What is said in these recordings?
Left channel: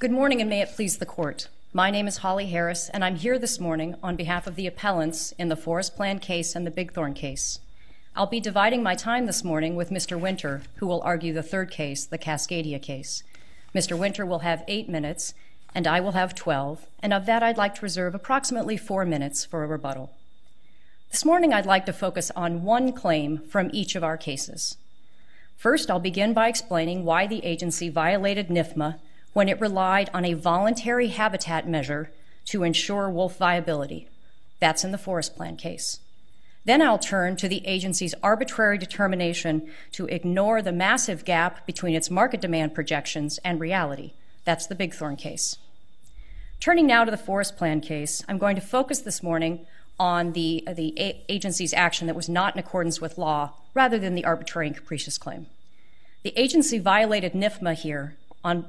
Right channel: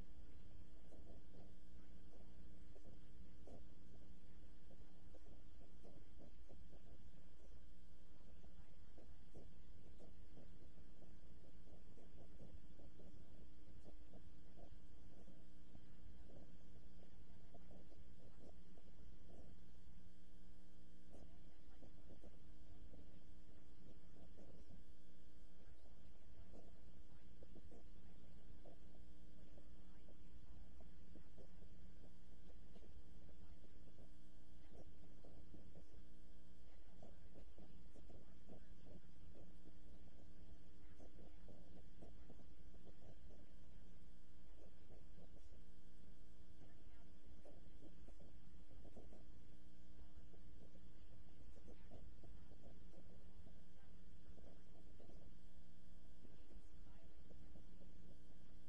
Good morning, and may it please the court. My name is Holly Harris, and I'm here this morning on behalf of the appellants in the Forest Plan case and the Bigthorn case. I'll be dividing my time this morning with Mr. Winter, who will argue the third case, the Cascadia case. Mr. Winter will have 8 minutes, and I will have 12, and of that I'd like to reserve approximately 4 minutes for a rebuttal. This morning I'd like to focus on one claim from each of our cases. First, I'll begin by explaining why the agency violated NIFMA when it relied on a voluntary habitat measure to ensure wolf viability. That's in the Forest Plan case. Then I'll turn to the agency's arbitrary determination to ignore the massive gap between its market demand projections and reality. That's the Bigthorn case. Turning now to the Forest Plan case, I'm going to focus this morning on the agency's action that was not in accordance with law, rather than the arbitrary and capricious claim. The agency violated NIFMA here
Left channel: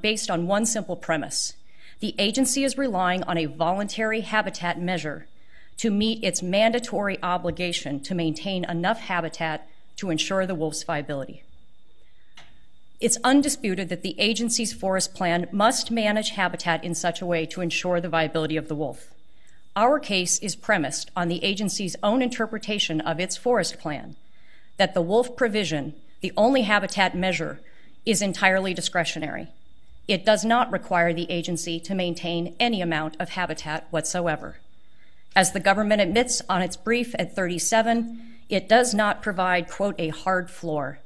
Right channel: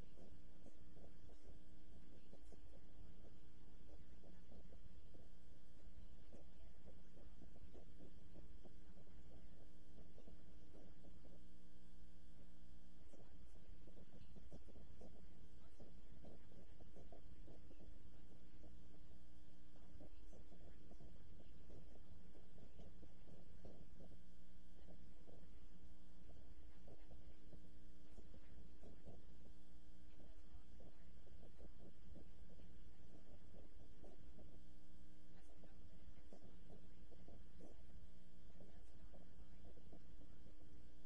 based on one simple premise. The agency is relying on a voluntary habitat measure to meet its mandatory obligation to maintain enough habitat to ensure the wolf's viability. It's undisputed that the agency's forest plan must manage habitat in such a way to ensure the viability of the wolf. Our case is premised on the agency's own interpretation of its forest plan, that the wolf provision, the only habitat measure, is entirely discretionary. It does not require the agency to maintain any amount of habitat whatsoever. As the government admits on its brief at 37, it does not provide, quote, a hard floor.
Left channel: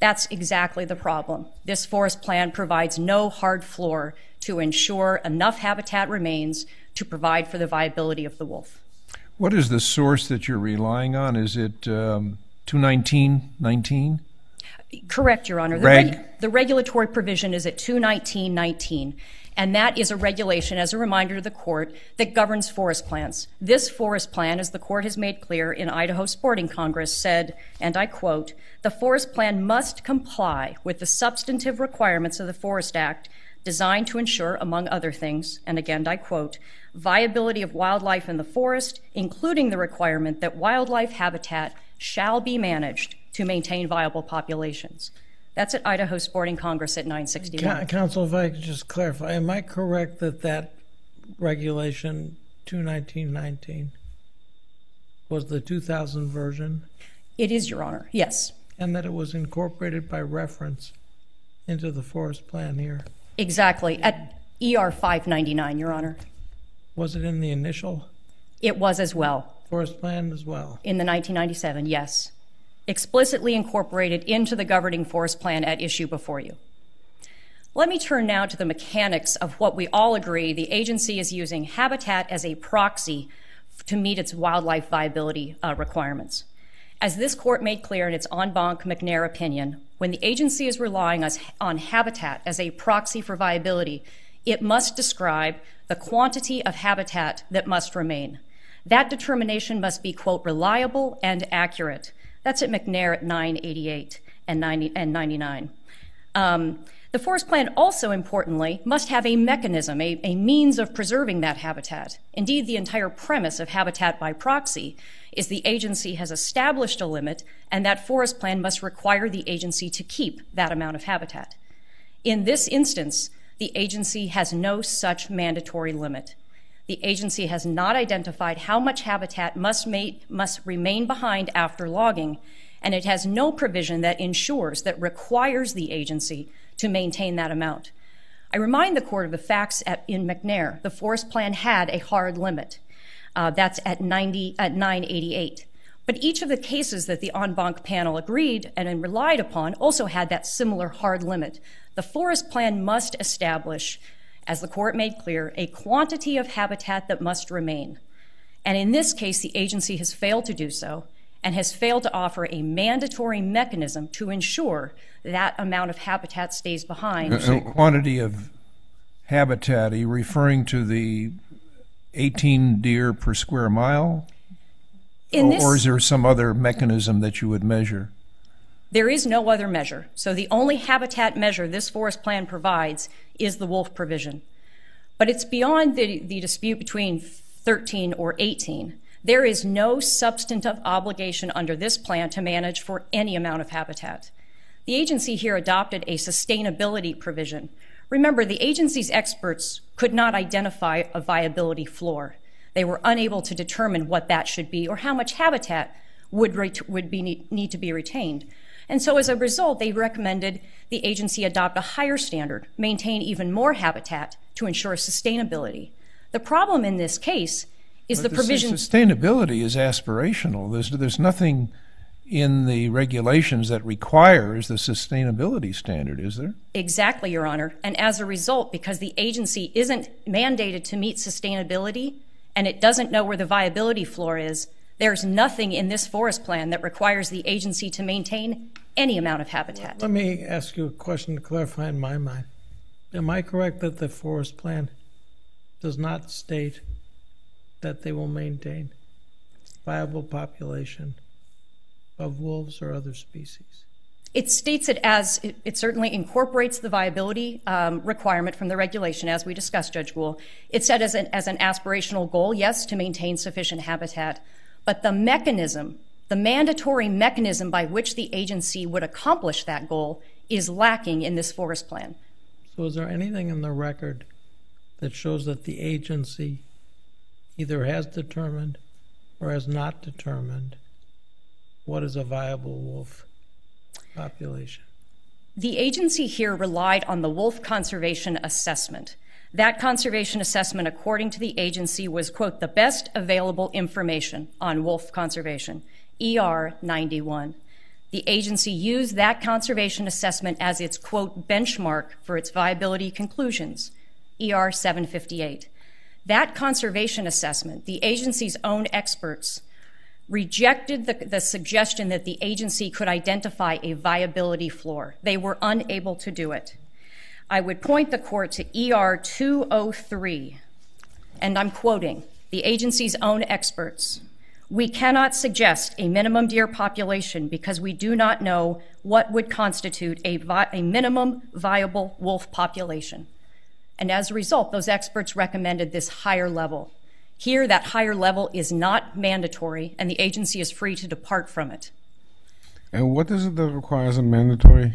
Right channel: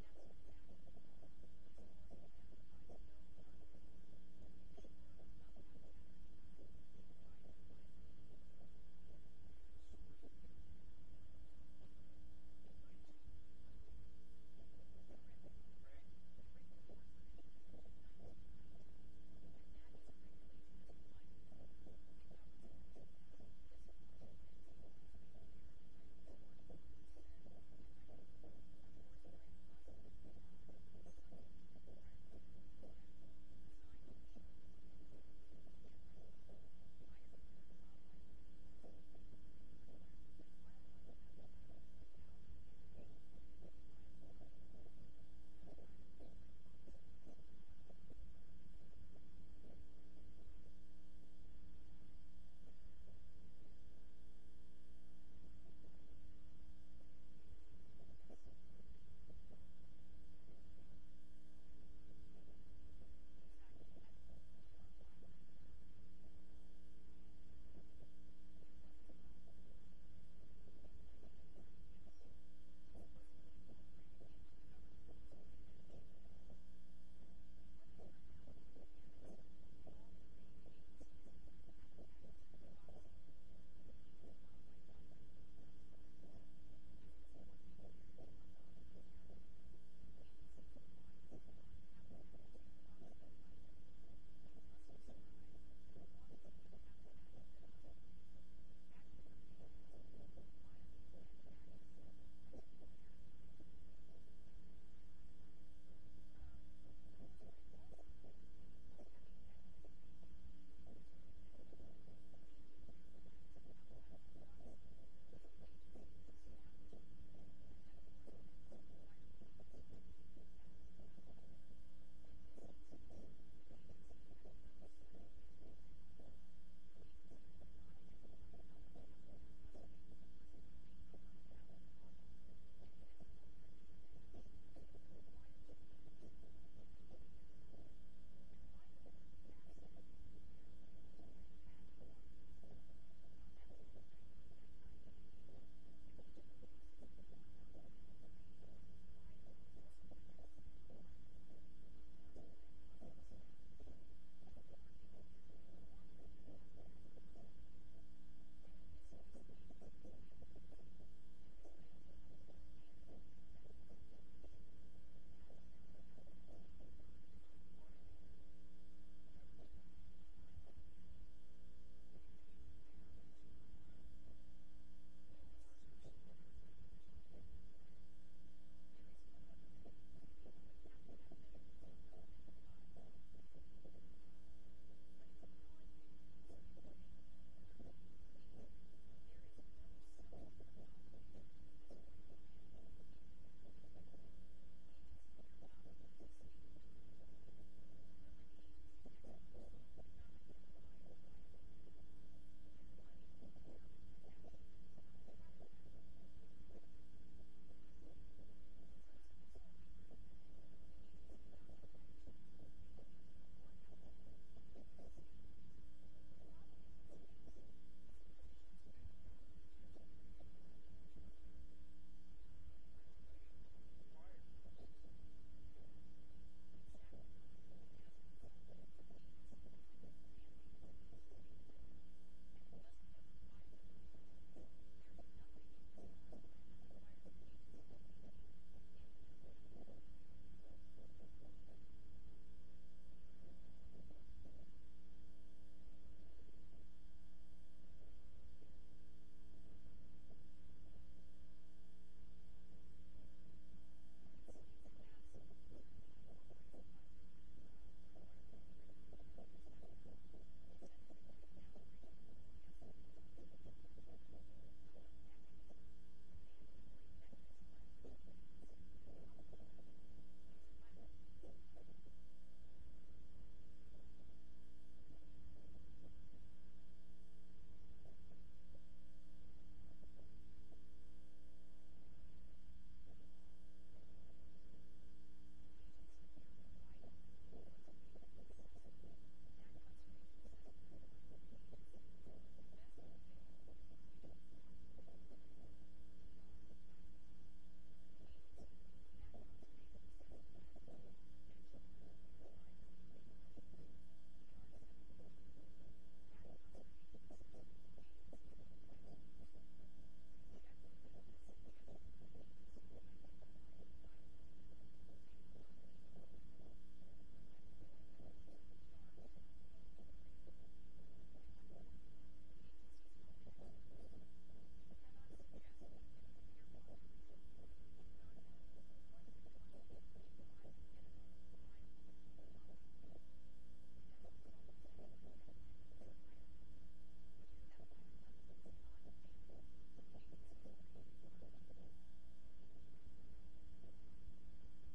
That's exactly the problem. This forest plan provides no hard floor to ensure enough habitat remains to provide for the viability of the wolf. What is the source that you're relying on? Is it 219.19? Correct, Your Honor. The regulatory provision is at 219.19, and that is a regulation, as a reminder to the court, that governs forest plans. This forest plan, as the court has made clear in Idaho Sporting Congress, said, and I quote, "The forest plan must comply with the substantive requirements of the Forest Act designed to ensure, among other things," and again I quote, "viability of wildlife in the forest, including the requirement that wildlife habitat shall be managed to maintain viable populations." That's at Idaho Sporting Congress at 961. Counsel, if I could just clarify, am I correct that that regulation 219.19 was the 2000 version? It is, Your Honor, yes. And that it was incorporated by reference into the forest plan here? Exactly, at ER 599, Your Honor. Was it in the initial? It was as well. Forest plan as well? In the 1997, yes. Explicitly incorporated into the governing forest plan at issue before you. Let me turn now to the mechanics of what we all agree the agency is using habitat as a proxy to meet its wildlife viability requirements. As this court made clear in its en banc McNair opinion, when the agency is relying on habitat as a proxy for viability, it must describe the quantity of habitat that must remain. That determination must be, quote, reliable and accurate. That's at McNair at 988 and 99. The forest plan also, importantly, must have a mechanism, a means of preserving that habitat. Indeed, the entire premise of habitat by proxy is the agency has established a limit, and that forest plan must require the agency to keep that amount of habitat. In this instance, the agency has no such mandatory limit. The agency has not identified how much habitat must remain behind after logging, and it has no provision that requires the agency to maintain that amount. I remind the court of the facts in McNair. The forest plan had a hard limit. That's at 988. But each of the cases that the en banc panel agreed and relied upon also had that similar hard limit. The forest plan must establish, as the court made clear, a quantity of habitat that must remain. And in this case, the agency has failed to do so and has failed to offer a mandatory mechanism to ensure that amount of habitat stays behind. A quantity of habitat, are you referring to the 18 deer per square mile? Or is there some other mechanism that you would measure? There is no other measure. So the only habitat measure this forest plan provides is the wolf provision. But it's beyond the dispute between 13 or 18. There is no substantive obligation under this plan to manage for any amount of habitat. The agency here adopted a sustainability provision, Remember, the agency's experts could not identify a viability floor. They were unable to determine what that should be or how much habitat would need to be retained. And so as a result, they recommended the agency adopt a higher standard, maintain even more habitat to ensure sustainability. The problem in this case is the provision... Sustainability is aspirational. There's nothing in the regulations that requires the sustainability standard, is there? Exactly, Your Honor. And as a result, because the agency isn't mandated to meet sustainability and it doesn't know where the viability floor is, there's nothing in this forest plan that requires the agency to maintain any amount of habitat. Let me ask you a question to clarify in my mind. Am I correct that the forest plan does not state that they will maintain viable population of wolves or other species? It states it as, it certainly incorporates the viability requirement from the regulation, as we discussed, Judge Gould. It said as an aspirational goal, yes, to maintain sufficient habitat, but the mechanism, the mandatory mechanism by which the agency would accomplish that goal is lacking in this forest plan. So is there anything in the record that shows that the agency either has determined or has not determined what is a viable wolf population? The agency here relied on the wolf conservation assessment. That conservation assessment, according to the agency, was, quote, the best available information on wolf conservation, ER 91. The agency used that conservation assessment as its, quote, benchmark for its viability conclusions, ER 758. That conservation assessment, the agency's own experts rejected the suggestion that the agency could identify a viability floor. They were unable to do it. I would point the court to ER 203, and I'm quoting the agency's own experts. We cannot suggest a minimum deer population because we do not know what would constitute a minimum viable wolf population. And as a result, those experts recommended this higher level. Here, that higher level is not mandatory, and the agency is free to depart from it. And what is it that requires a mandatory?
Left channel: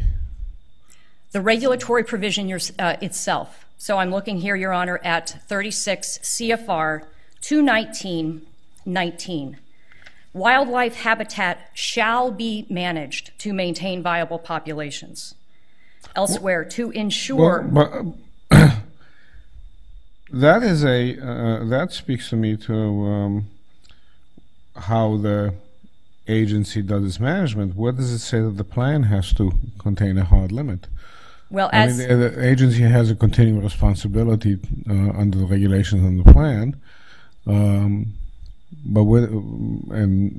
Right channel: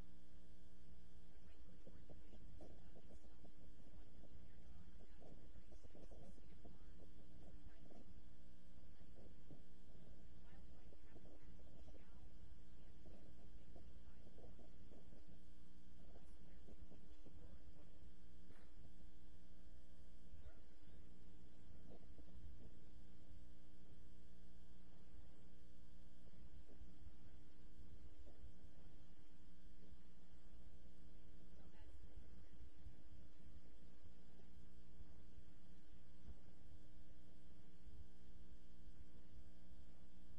The regulatory provision itself. So I'm looking here, Your Honor, at 36 CFR 219:19. Wildlife habitat shall be managed to maintain viable populations. Elsewhere, to ensure... That is that speaks to me to how the agency does its management. What does it say that the plan has to contain a hard limit? Well, I mean, the agency has a continuing responsibility under the regulations and the plan, and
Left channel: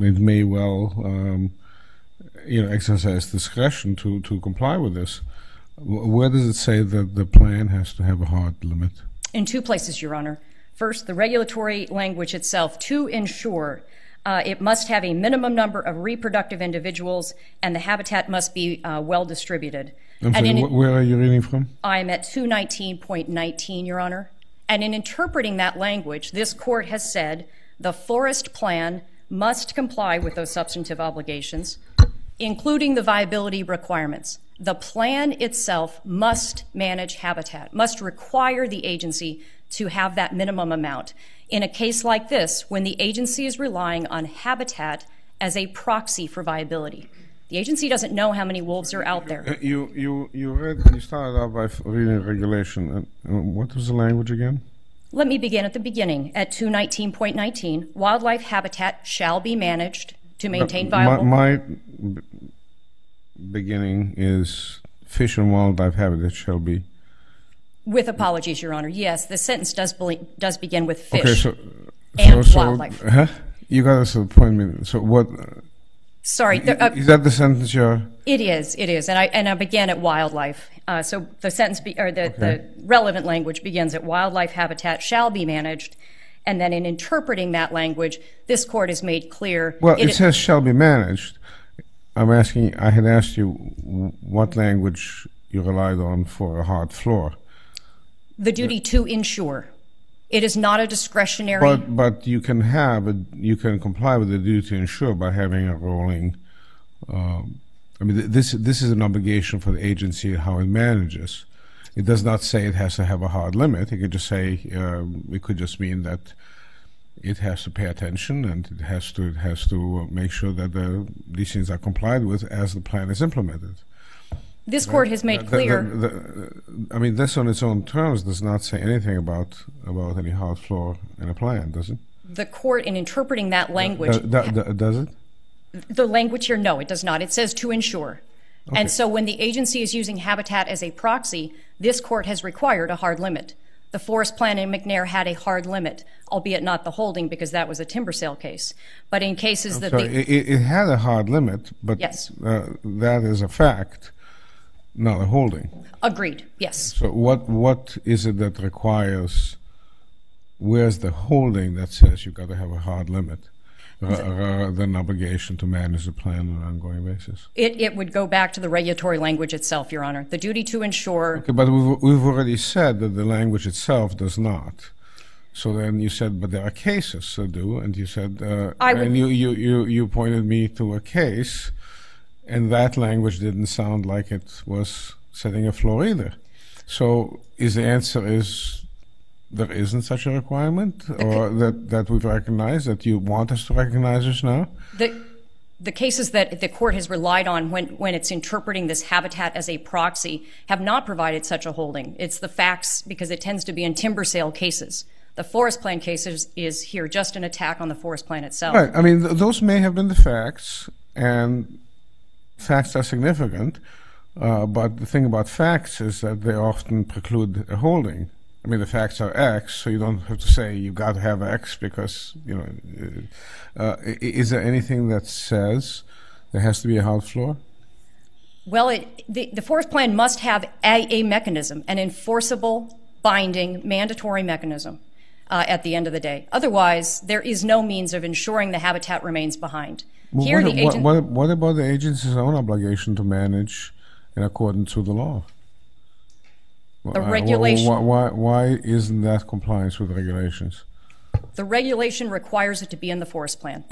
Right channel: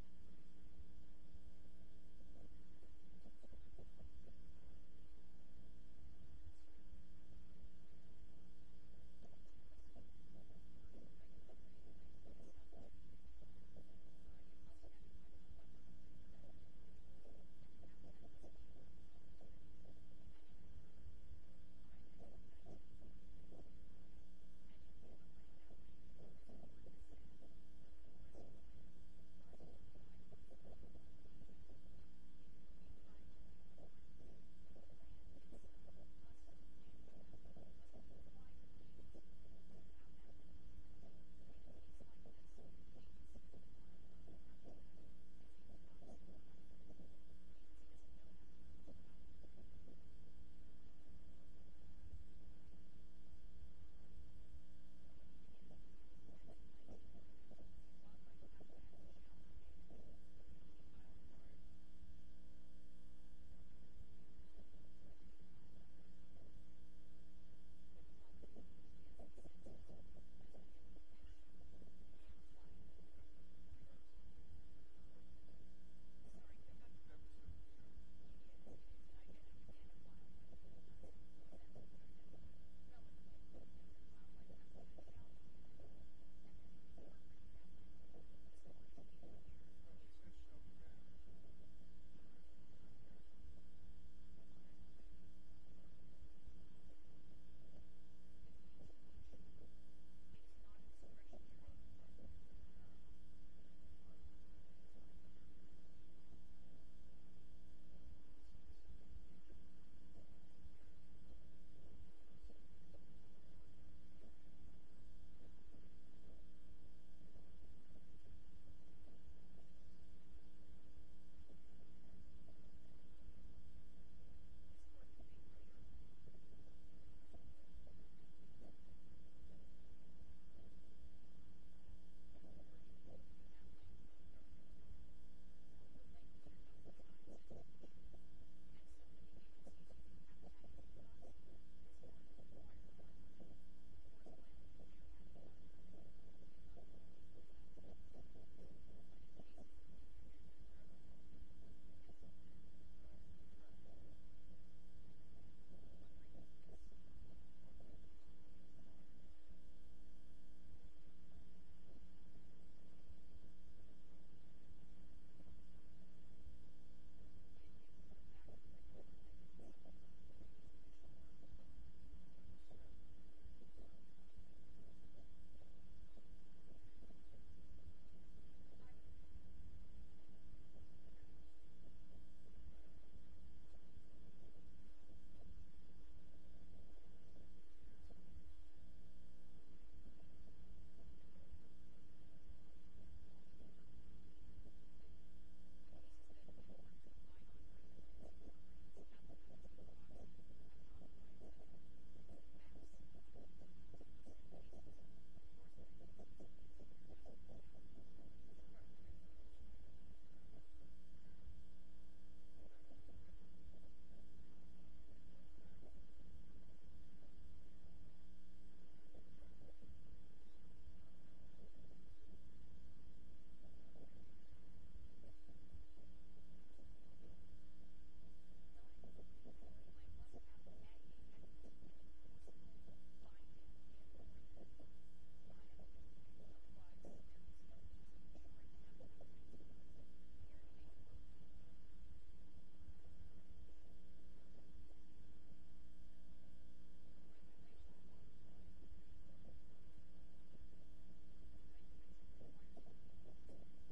it may well, exercise discretion to comply with this. Where does it say that the plan has to have a hard limit? In two places, Your Honor. First, the regulatory language itself, to ensure it must have a minimum number of reproductive individuals and the habitat must be well distributed. I'm sorry, where are you reading from? I'm at 219.19, Your Honor. And in interpreting that language, this court has said the forest plan must comply with those substantive obligations, including the viability requirements. The plan itself must manage habitat, must require the agency to have that minimum amount. In a case like this, when the agency is relying on habitat as a proxy for viability, the agency doesn't know how many wolves are out there. You started out by reading regulation. What was the language again? Let me begin at the beginning. At 219.19, wildlife habitat shall be managed to maintain viable... My beginning is fish and wildlife habitat shall be... With apologies, Your Honor. Yes, the sentence does begin with fish and wildlife. You got us to the point. So what... Sorry. Is that the sentence you're... It is. And I began at wildlife. So the sentence, the relevant language begins at wildlife habitat shall be managed. And then in interpreting that language, this court has made clear... Well, it says shall be managed. I had asked you what language you relied on for a hard floor. The duty to ensure. It is not a discretionary... But you can comply with the duty to ensure by having a rolling... this is an obligation for the agency how it manages. It does not say it has to have a hard limit. It could just say, it could just mean that it has to pay attention and it has to make sure that these things are complied with as the plan is implemented. This court has made clear. I mean, this on its own terms does not say anything about any hard floor in a plan, does it? The court, in interpreting that language, does it? The language here, no, it does not. It says to ensure. Okay. And so when the agency is using habitat as a proxy, this court has required a hard limit. The forest plan in McNair had a hard limit, albeit not the holding because that was a timber sale case. But in cases that it had a hard limit, but yes. That is a fact, not a holding. Agreed, yes. So what is it that requires, where's the holding that says you've got to have a hard limit? Rather than obligation to manage the plan on an ongoing basis. It would go back to the regulatory language itself, Your Honor. The duty to ensure. Okay, but we've already said that the language itself does not. So then you said, but there are cases that do, and you said, and you pointed me to a case, and that language didn't sound like it was setting a floor either. So the answer is, there isn't such a requirement, or that we've recognized, that you want us to recognize this now? The cases that the court has relied on when it's interpreting this habitat as a proxy have not provided such a holding. It's the facts, because it tends to be in timber sale cases. The forest plan case is here just an attack on the forest plan itself. Right. I mean, those may have been the facts, and facts are significant, but the thing about facts is that they often preclude a holding. I mean, the facts are X, so you don't have to say you've got to have X because, is there anything that says there has to be a hard floor? Well, the forest plan must have a mechanism, an enforceable, binding, mandatory mechanism at the end of the day. Otherwise, there is no means of ensuring the habitat remains behind. Well, here, what about the agency's own obligation to manage in accordance with the law? The regulation. Why isn't that compliance with the regulations? The regulation requires it to be in the forest plan.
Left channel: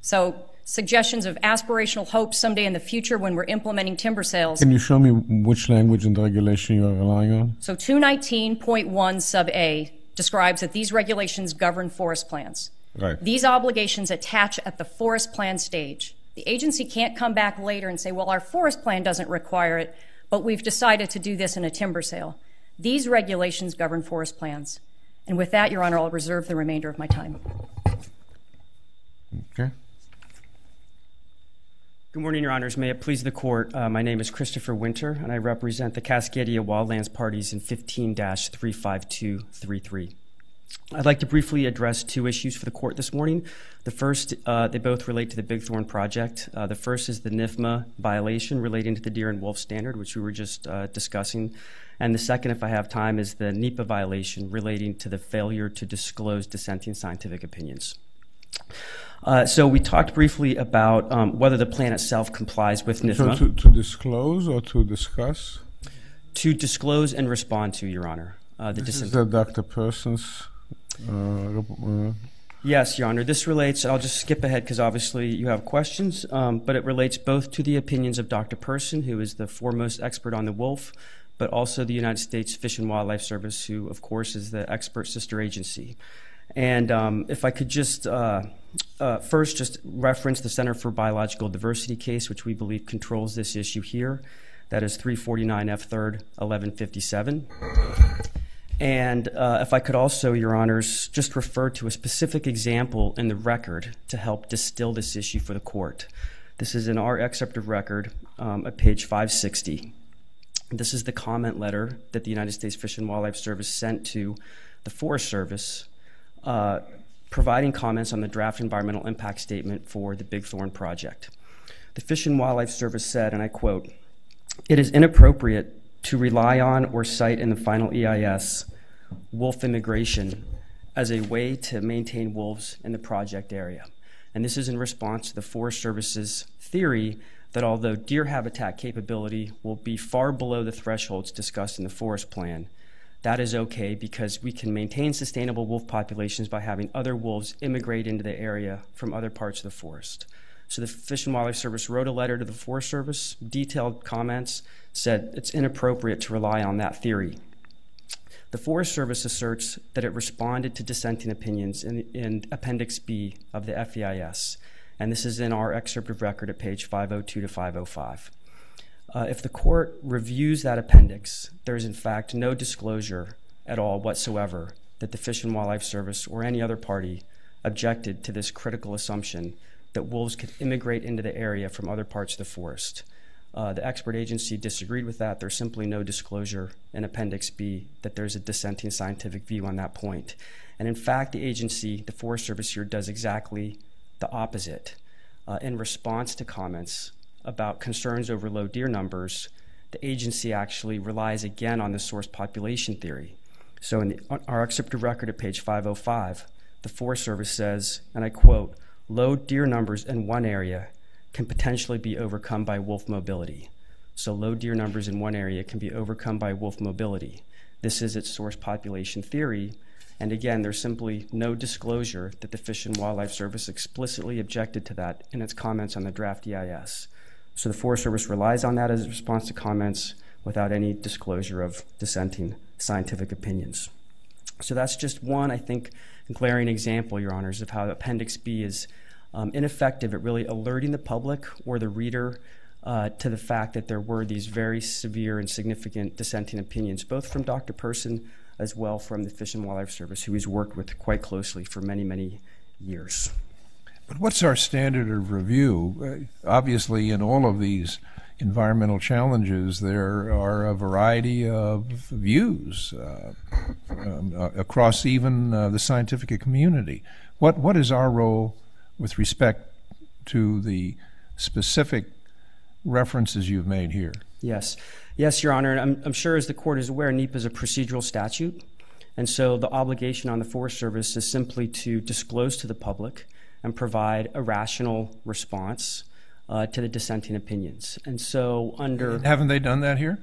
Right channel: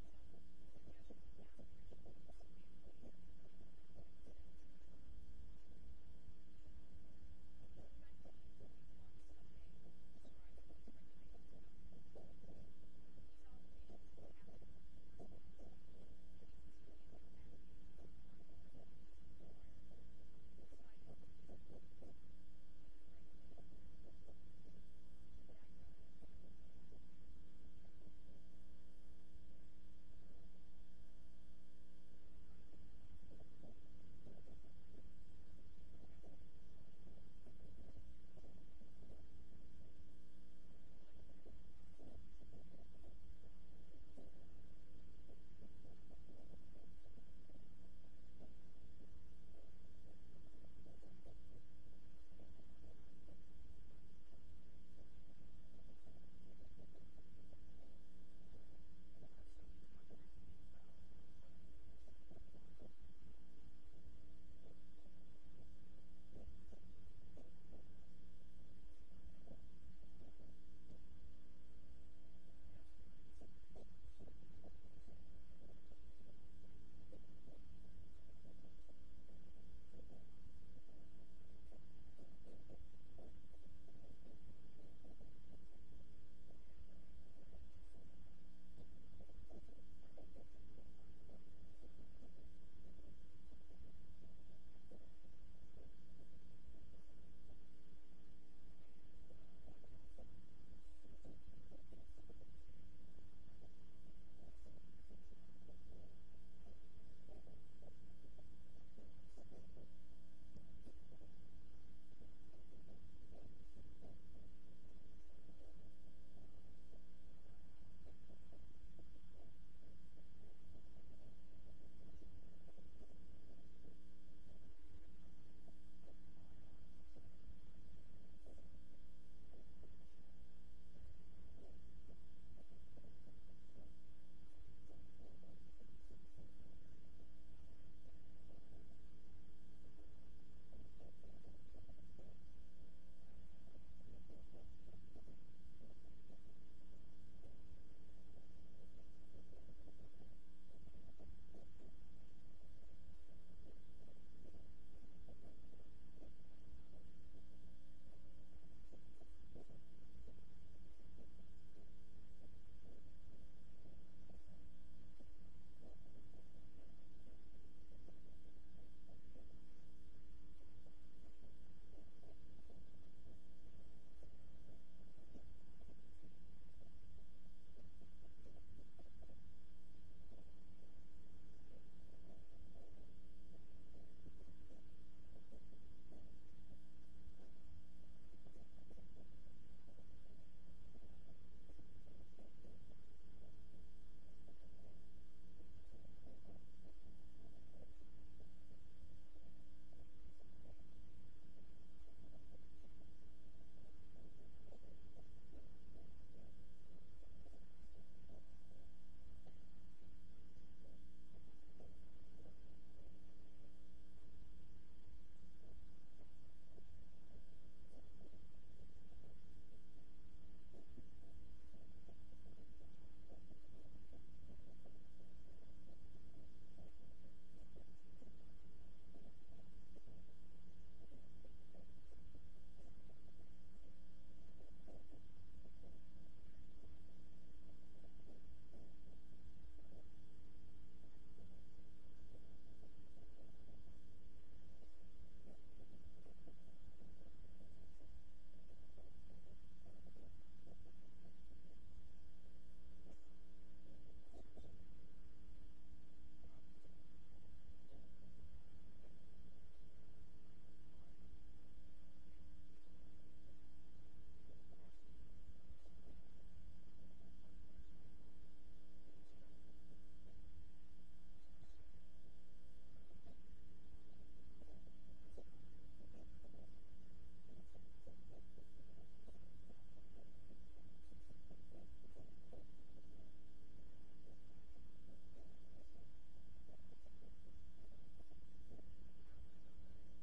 So suggestions of aspirational hopes someday in the future when we're implementing timber sales. Can you show me which language in the regulation you're relying on? So 219.1 sub A describes that these regulations govern forest plans. Right. These obligations attach at the forest plan stage. The agency can't come back later and say, well, our forest plan doesn't require it, but we've decided to do this in a timber sale. These regulations govern forest plans. And with that, Your Honor, I'll reserve the remainder of my time. Okay. Good morning, Your Honors. May it please the Court. My name is Christopher Winter, and I represent the Cascadia Wildlands parties in 15-35233. I'd like to briefly address two issues for the Court this morning. The first, they both relate to the Big Thorn project. The first is the NIFMA violation relating to the deer and wolf standard, which we were just discussing. And the second, if I have time, is the NEPA violation relating to the failure to disclose dissenting scientific opinions. So we talked briefly about whether the plan itself complies with NIFMA. So to disclose or to discuss? To disclose and respond to, Your Honor. This is the Dr. Person's... Yes, Your Honor. This relates, I'll just skip ahead because obviously you have questions, but it relates both to the opinions of Dr. Person, who is the foremost expert on the wolf, but also the United States Fish and Wildlife Service, who, of course, is the expert sister agency. And if I could just first just reference the Center for Biological Diversity case, which we believe controls this issue here. That is 349 F. 3rd, 1157. And if I could also, Your Honors, just refer to a specific example in the record to help distill this issue for the Court. This is in our excerpt of record at page 560. This is the comment letter that the United States Fish and Wildlife Service sent to the Forest Service providing comments on the draft environmental impact statement for the Big Thorn project. The Fish and Wildlife Service said, and I quote, "It is inappropriate to rely on or cite in the final EIS wolf immigration as a way to maintain wolves in the project area." And this is in response to the Forest Service's theory that although deer habitat capability will be far below the thresholds discussed in the forest plan, that is okay because we can maintain sustainable wolf populations by having other wolves immigrate into the area from other parts of the forest. So the Fish and Wildlife Service wrote a letter to the Forest Service, detailed comments, said it's inappropriate to rely on that theory. The Forest Service asserts that it responded to dissenting opinions in Appendix B of the FEIS, and this is in our excerpt of record at page 502 to 505. If the court reviews that appendix, there is in fact no disclosure at all whatsoever that the Fish and Wildlife Service or any other party objected to this critical assumption that wolves could immigrate into the area from other parts of the forest. The expert agency disagreed with that. There's simply no disclosure in Appendix B that there's a dissenting scientific view on that point. And in fact, the agency, the Forest Service here, does exactly the opposite. In response to comments about concerns over low deer numbers, the agency actually relies again on the source population theory. So in our excerpt of record at page 505, the Forest Service says, and I quote, "Low deer numbers in one area can potentially be overcome by wolf mobility." So low deer numbers in one area can be overcome by wolf mobility. This is its source population theory. And again, there's simply no disclosure that the Fish and Wildlife Service explicitly objected to that in its comments on the draft EIS. So the Forest Service relies on that as a response to comments without any disclosure of dissenting scientific opinions. So that's just one, I think, glaring example, Your Honors, of how Appendix B is ineffective at really alerting the public or the reader to the fact that there were these very severe and significant dissenting opinions, both from Dr. Person as well from the Fish and Wildlife Service, who he's worked with quite closely for many, many years. But what's our standard of review? Obviously, in all of these environmental challenges, there are a variety of views across even the scientific community. What is our role with respect to the specific references you've made here? Yes. Yes, Your Honor, and I'm sure as the court is aware, NEPA is a procedural statute, and so the obligation on the Forest Service is simply to disclose to the public and provide a rational response to the dissenting opinions. And so under... Haven't they done that here?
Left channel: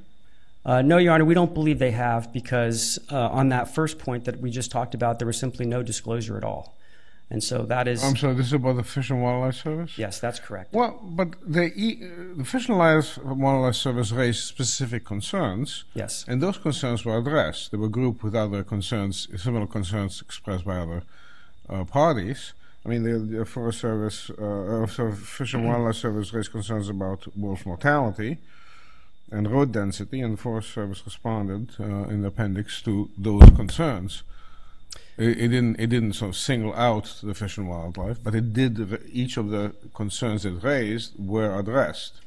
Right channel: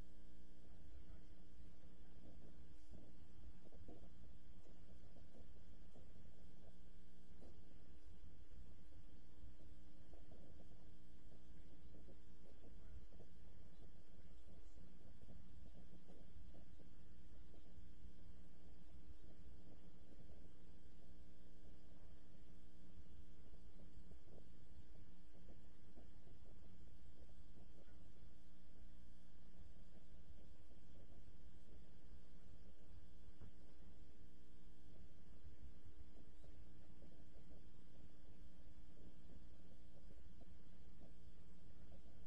No, Your Honor, we don't believe they have, because on that first point that we just talked about, there was simply no disclosure at all. And so that is... I'm sorry, this is about the Fish and Wildlife Service? Yes, that's correct. Well, but the Fish and Wildlife Service raised specific concerns. Yes. And those concerns were addressed. They were grouped with other concerns, similar concerns expressed by other parties. I mean, the Forest Service, Fish and Wildlife Service raised concerns about wolf mortality and road density, and the Forest Service responded in the appendix to those concerns. It didn't sort of single out the Fish and Wildlife, but it did. Each of the concerns it raised were addressed.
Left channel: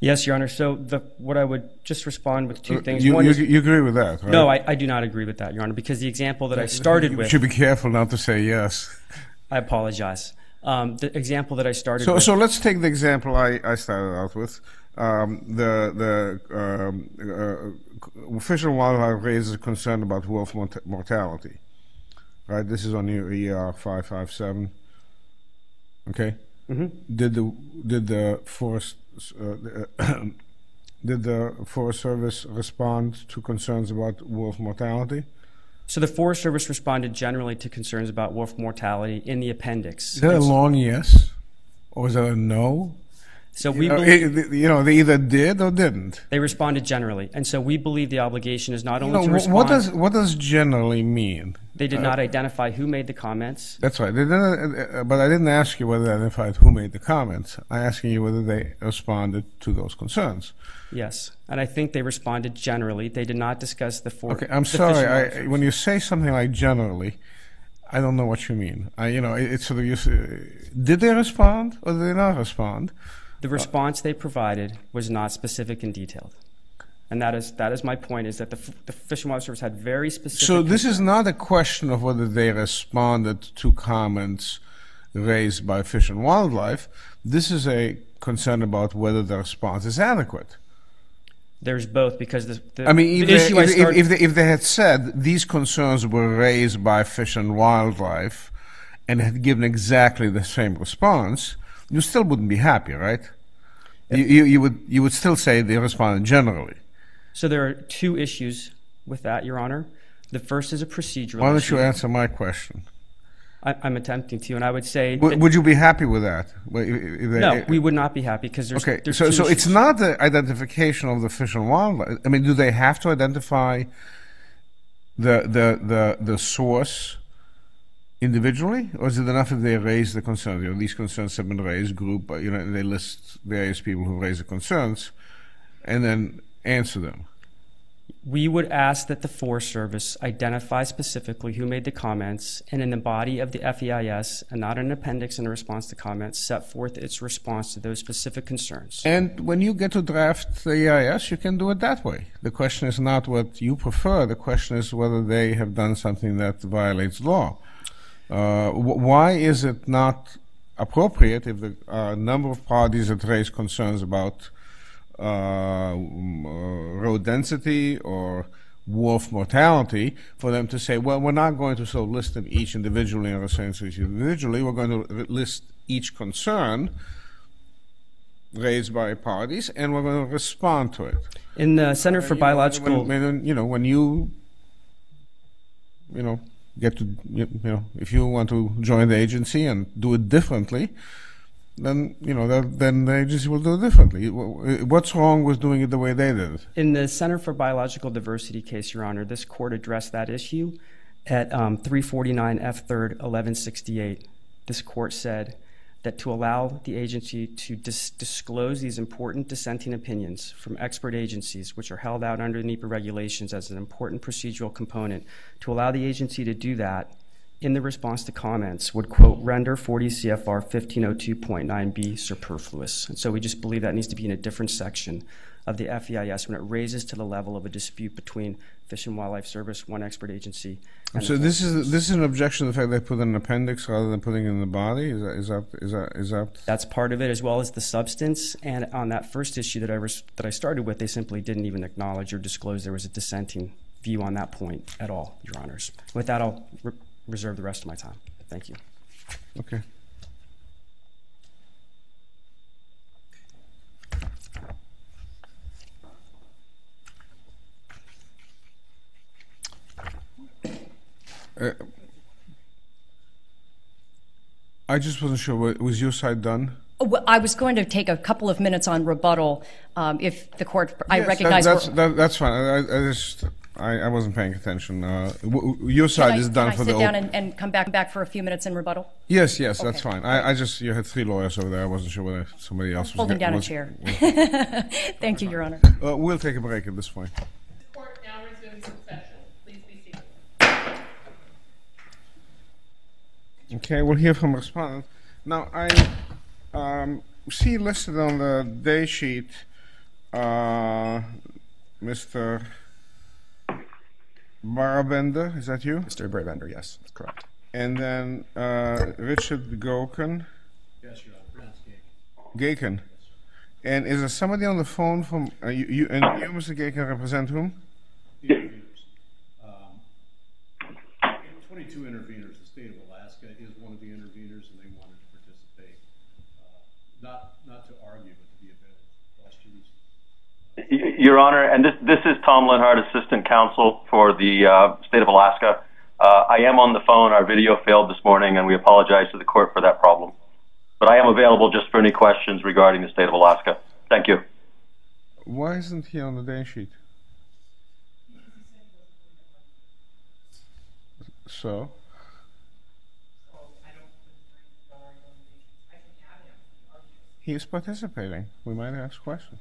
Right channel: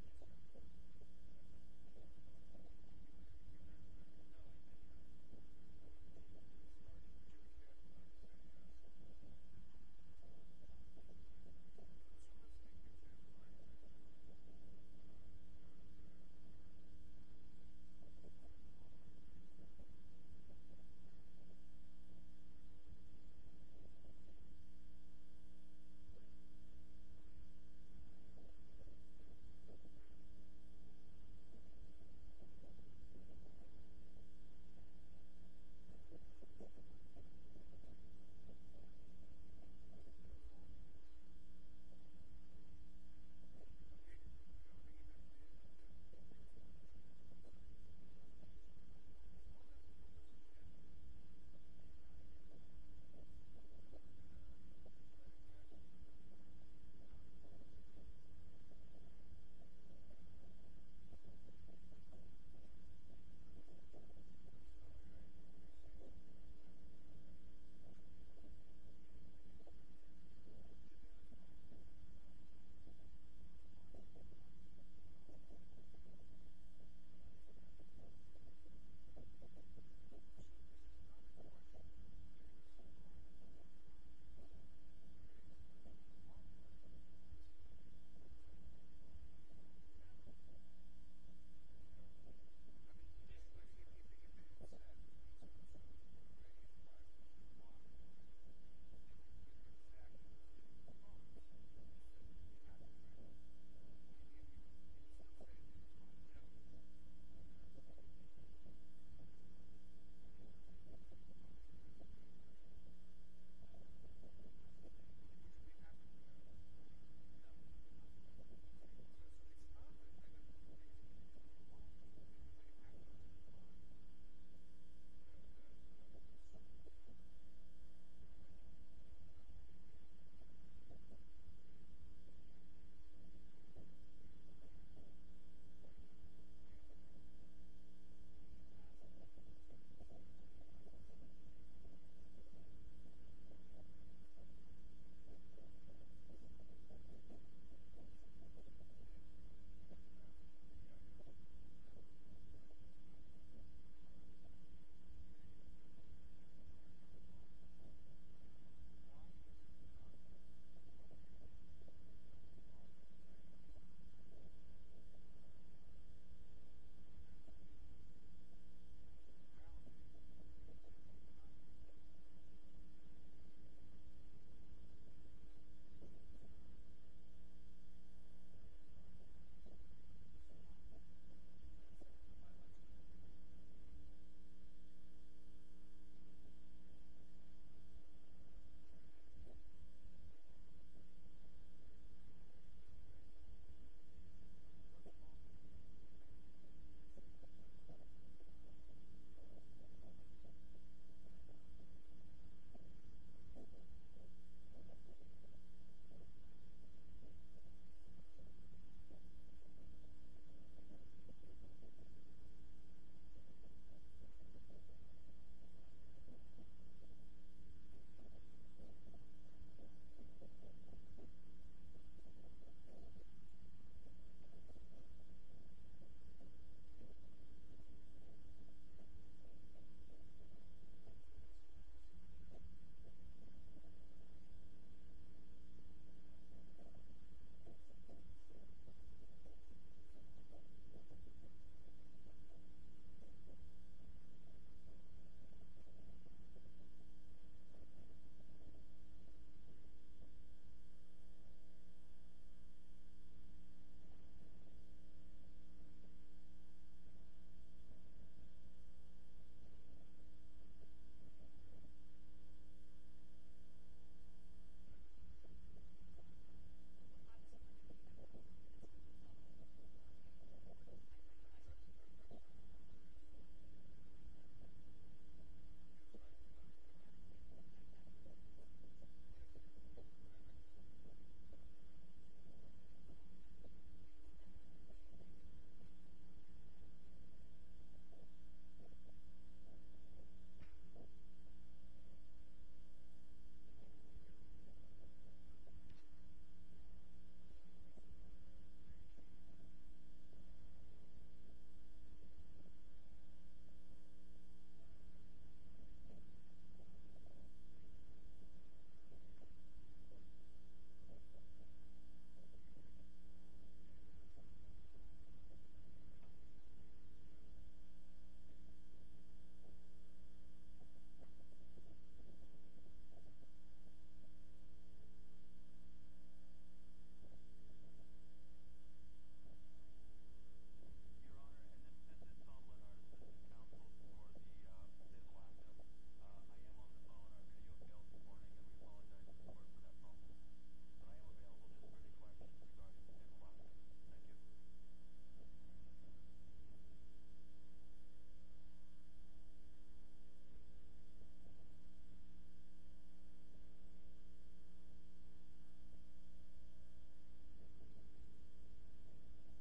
Yes, Your Honor. So what I would just respond with two things. You agree with that, right? No, I do not agree with that, Your Honor, because the example that I started with... You should be careful not to say yes. I apologize. The example that I started with... So let's take the example I started out with. The Fish and Wildlife raises a concern about wolf mortality. Right, this is on your ER 557. Okay. Mm-hmm. Did the Forest Service respond to concerns about wolf mortality? So the Forest Service responded generally to concerns about wolf mortality in the appendix. Is that a long yes, or is that a no? So we they either did or didn't. They responded generally, and so we believe the obligation is not only to respond. What does generally mean? They did not identify who made the comments. That's right. They didn't, but I didn't ask you whether they identified who made the comments. I'm asking you whether they responded to those concerns. Yes, and I think they responded generally. They did not discuss the Okay, I'm sorry. When you say something like generally, I don't know what you mean. It's sort of did they respond or did they not respond? The response they provided was not specific and detailed. And that is my point, is that the Fish and Wildlife Service had very specific... So this is not a question of whether they responded to comments raised by Fish and Wildlife. This is a concern about whether the response is adequate. There's both, because the if they had said these concerns were raised by Fish and Wildlife and had given exactly the same response, you still wouldn't be happy, right? You would still say they responded generally. So there are two issues with that, Your Honor. The first is a procedural issue. Why don't you answer my question? I'm attempting to, and I would say... Would you be happy with that? No, we would not be happy because there's... Okay, there's so it's not the identification of the fish and wildlife. I mean, do they have to identify the source individually, or is it enough if they raise the concerns? You know, these concerns have been raised, group, you know, and they list various people who raise the concerns, and then answer them. We would ask that the Forest Service identify specifically who made the comments, and in the body of the FEIS, and not an appendix in response to comments, set forth its response to those specific concerns. And when you get to draft the EIS, you can do it that way. The question is not what you prefer. The question is whether they have done something that violates law. Why is it not appropriate if the number of parties that raise concerns about road density or wolf mortality, for them to say, well, we're not going to sort of list them each individually or assign each individually, we're going to list each concern raised by parties, and we're going to respond to it. In the Center for Biological... When you get to, if you want to join the agency and do it differently, then then the agency will do it differently. What's wrong with doing it the way they did it? In the Center for Biological Diversity case, Your Honor, this court addressed that issue at 349 F. 3rd 1168. This court said that to allow the agency to disclose these important dissenting opinions from expert agencies, which are held out under NEPA regulations as an important procedural component, to allow the agency to do that in the response to comments would, quote, render 40 CFR 1502.9b superfluous. And so we just believe that needs to be in a different section of the FEIS when it raises to the level of a dispute between Fish and Wildlife Service, one expert agency. So this is an objection to the fact they put in an appendix rather than putting it in the body? Is that? That's part of it, as well as the substance. And on that first issue that I started with, they simply didn't even acknowledge or disclose there was a dissenting view on that point at all, Your Honors. With that, I'll reserve the rest of my time. Thank you. Okay. I just wasn't sure. Was your side done? Well, I was going to take a couple of minutes on rebuttal. If the court, I yes, recognize that's fine. I wasn't paying attention. Your side is done for the. Can I sit down and come back for a few minutes in rebuttal? Yes, okay. That's fine. You had three lawyers over there. I wasn't sure whether somebody else was holding down a chair. Thank you, Your Honor. We'll take a break at this point. The court now resumes its session. Please be seated. Okay, we'll hear from respondent. Now, I see listed on the day sheet, Mr. Barabender, is that you? Mr. Barabender, yes, that's correct. And then Richard Goken. Yes, Your Honor. Gaken. And is there somebody on the phone from you? And you, Mr. Gaken, represent whom? The interveners. 22 interveners. The state of Alaska is one of the interveners, and they wanted to participate, not to argue, but to be available for questions. Your Honor, and this is Tom Lenhart, Assistant Counsel for the State of Alaska. I am on the phone. Our video failed this morning, and we apologize to the court for that problem. But I am available just for any questions regarding the State of Alaska. Thank you. Why isn't he on the day sheet? So? He is participating. We might ask questions.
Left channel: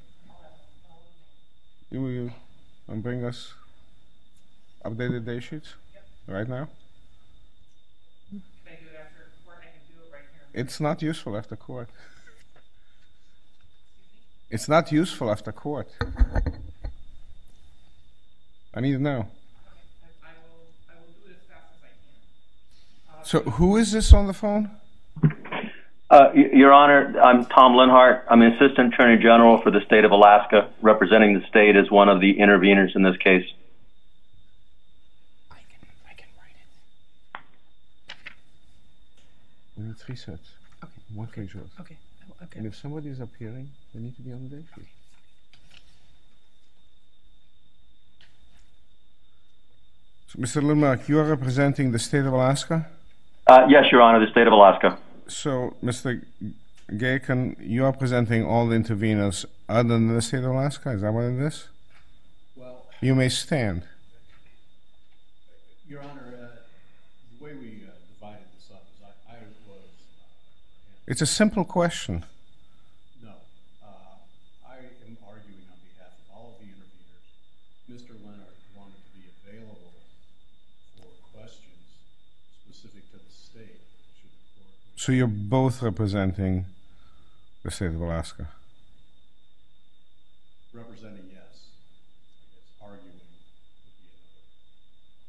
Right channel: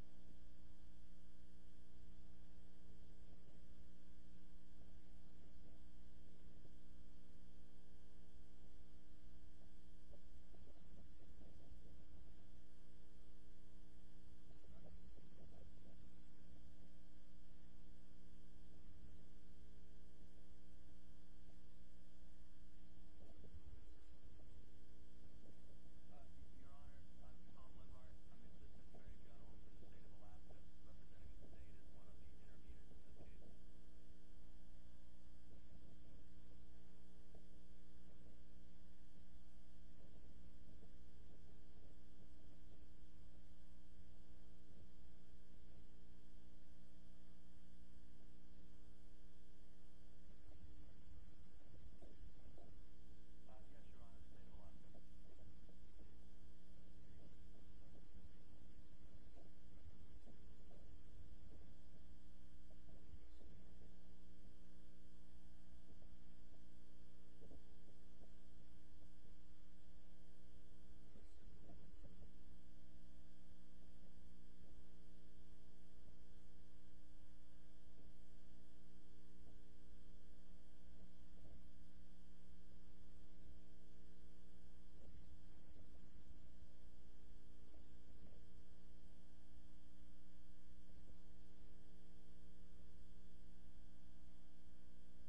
You will bring us updated day sheets right now? Can I do it after court? I can do it right here. It's not useful after court. It's not useful after court. I need to know. I will do it as fast as I can. So who is this on the phone? Your Honor, I'm Tom Lenhart. I'm an Assistant Attorney General for the State of Alaska, representing the state as one of the interveners in this case. I can write it. We need three sets. Okay. One for each of us. Okay. And if somebody is appearing, they need to be on the day sheet. So, Mr. Lenhart, you are representing the State of Alaska? Yes, Your Honor, the state of Alaska. So, Mr. Gaken, you are presenting all the interveners other than the state of Alaska? Is that what it is? Well, you may stand. Your Honor, the way we divided this up is I was... It's a simple question. No. I am arguing on behalf of all of the interveners. Mr. Leonard wanted to be available for questions specific to the state. So you're both representing the state of Alaska? Representing, yes. It's arguing.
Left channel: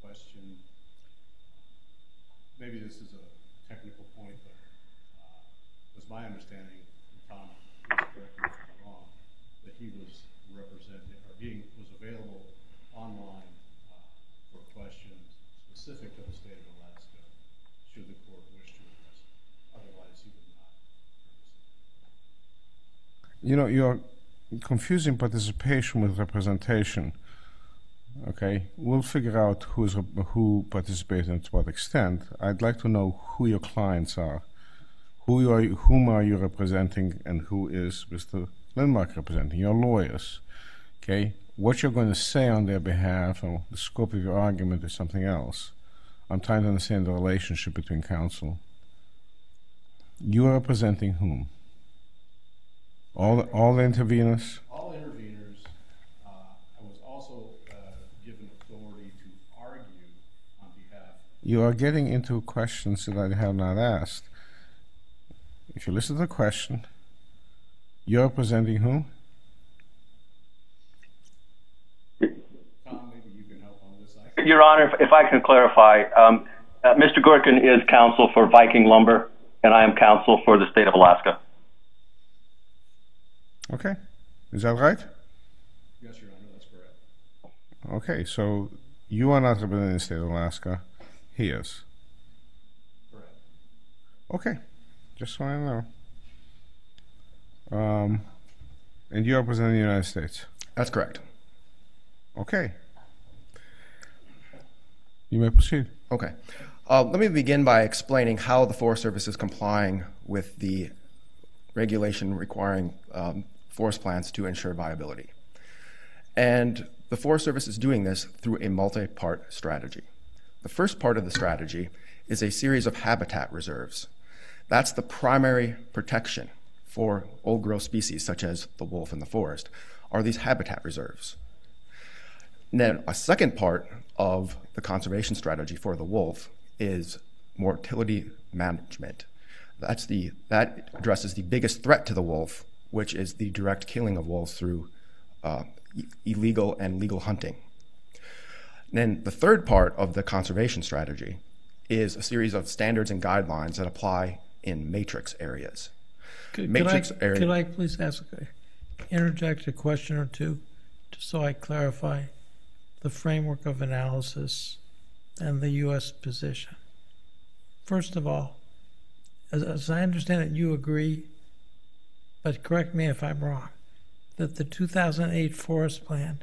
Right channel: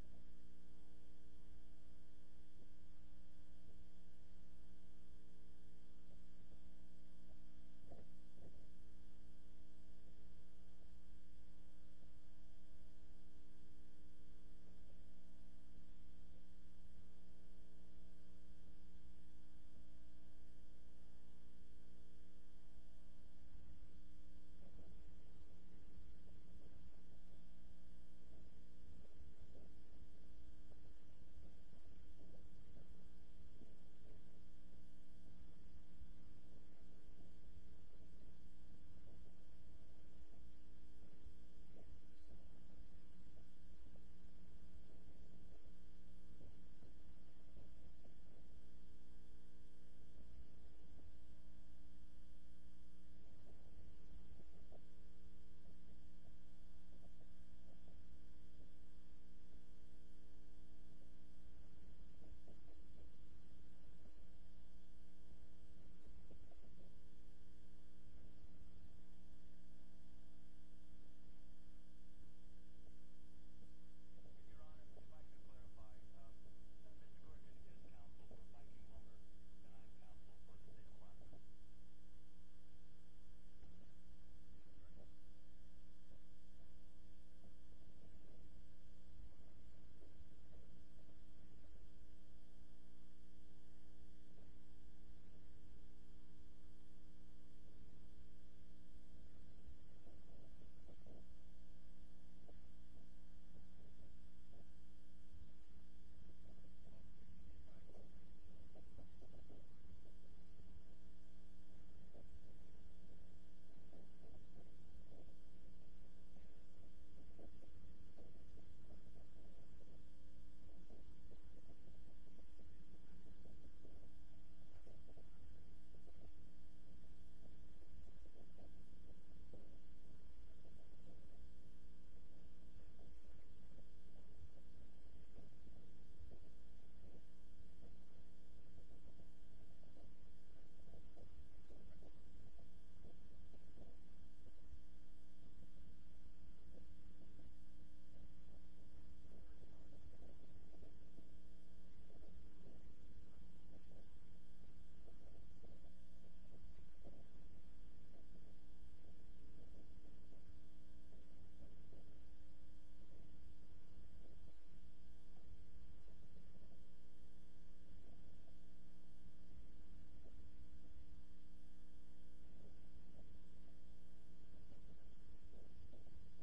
Question. Maybe this is a technical point, but it was my understanding, Tom, correct me if I'm wrong, that he was representing, or was available online for questions specific to the state of Alaska, should the court wish to address it. Otherwise, he would not. You know, you're confusing participation with representation. Okay, we'll figure out who participates and to what extent. I'd like to know who your clients are. Whom are you representing, and who is Mr. Lindmark representing? Your lawyers. Okay, what you're going to say on their behalf or the scope of your argument is something else. I'm trying to understand the relationship between counsel. You are representing whom? All the interveners? All interveners. I was also given authority to argue on behalf. You are getting into questions that I have not asked. If you listen to the question, you're representing whom? Tom, maybe you can help on this. Your Honor, if I can clarify, Mr. Gorkin is counsel for Viking Lumber, and I am counsel for the state of Alaska. Okay. Is that right? Yes, Your Honor, that's correct. Okay, so you are not representing the state of Alaska. He is. Correct. Okay. Just so I know. And you are representing the United States? That's correct. Okay. You may proceed. Okay. Let me begin by explaining how the Forest Service is complying with the regulation requiring forest plans to ensure viability. And the Forest Service is doing this through a multi-part strategy. The first part of the strategy is a series of habitat reserves. That's the primary protection for old-growth species, such as the wolf in the forest, are these habitat reserves. And then a second part of the conservation strategy for the wolf is mortality management. That addresses the biggest threat to the wolf, which is the direct killing of wolves through illegal and legal hunting. And then the third part of the conservation strategy is a series of standards and guidelines that apply in matrix areas. Could I please interject a question or two, just so I clarify the framework of analysis and the U.S. position? First of all, as I understand it, you agree, but correct me if I'm wrong, that the 2008 Forest Plan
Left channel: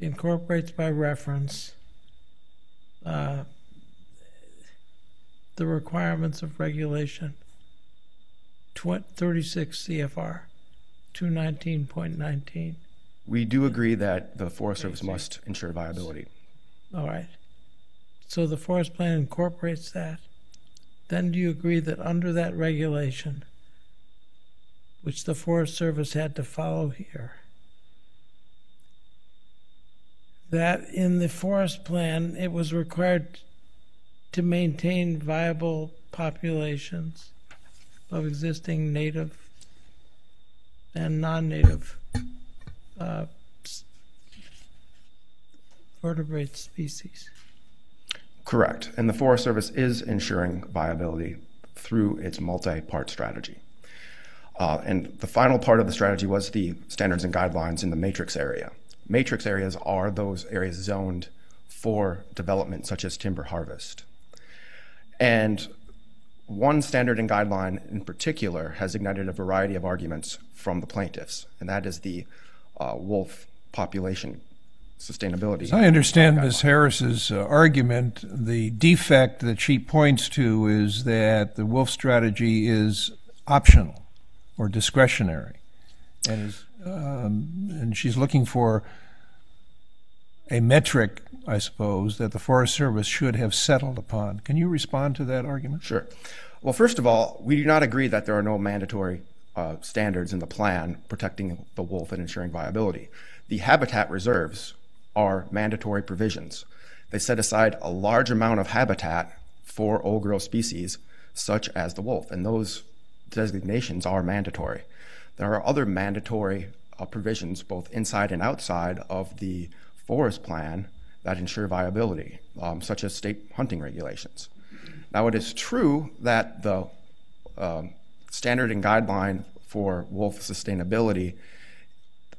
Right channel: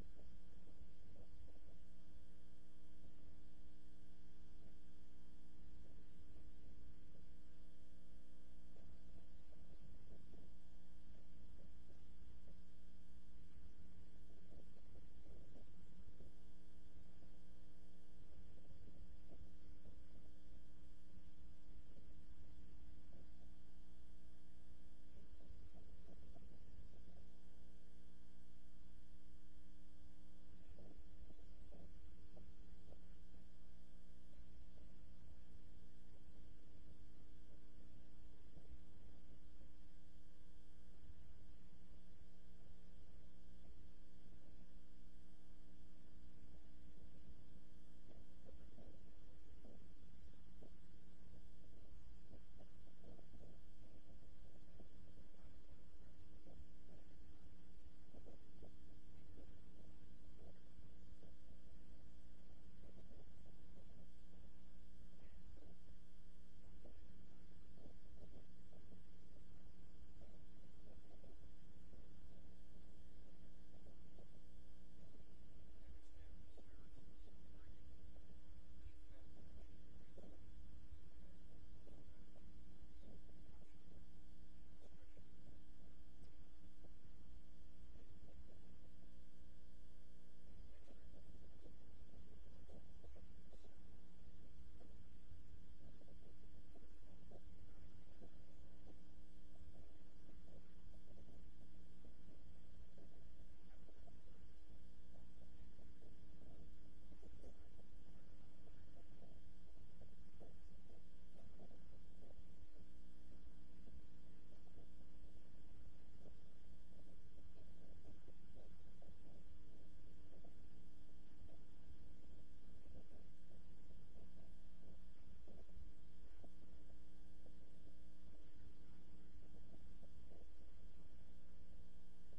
incorporates by reference the requirements of regulation 36 CFR 219.19. We do agree that the Forest Service must ensure viability. All right. So the Forest Plan incorporates that. Then do you agree that under that regulation, which the Forest Service had to follow here, that in the Forest Plan it was required to maintain viable populations of existing native and non-native vertebrate species? Correct. And the Forest Service is ensuring viability through its multi-part strategy. And the final part of the strategy was the standards and guidelines in the matrix area. Matrix areas are those areas zoned for development such as timber harvest. And one standard and guideline in particular has ignited a variety of arguments from the plaintiffs, and that is the wolf population sustainability. As I understand Ms. Harris's argument, the defect that she points to is that the wolf strategy is optional or discretionary, and she's looking for a metric, I suppose, that the Forest Service should have settled upon. Can you respond to that argument? Sure. Well, first of all, we do not agree that there are no mandatory standards in the plan protecting the wolf and ensuring viability. The habitat reserves are mandatory provisions. They set aside a large amount of habitat for old-growth species, such as the wolf, and those designations are mandatory. There are other mandatory provisions, both inside and outside of the forest plan, that ensure viability, such as state hunting regulations. Now, it is true that the standard and guideline for wolf sustainability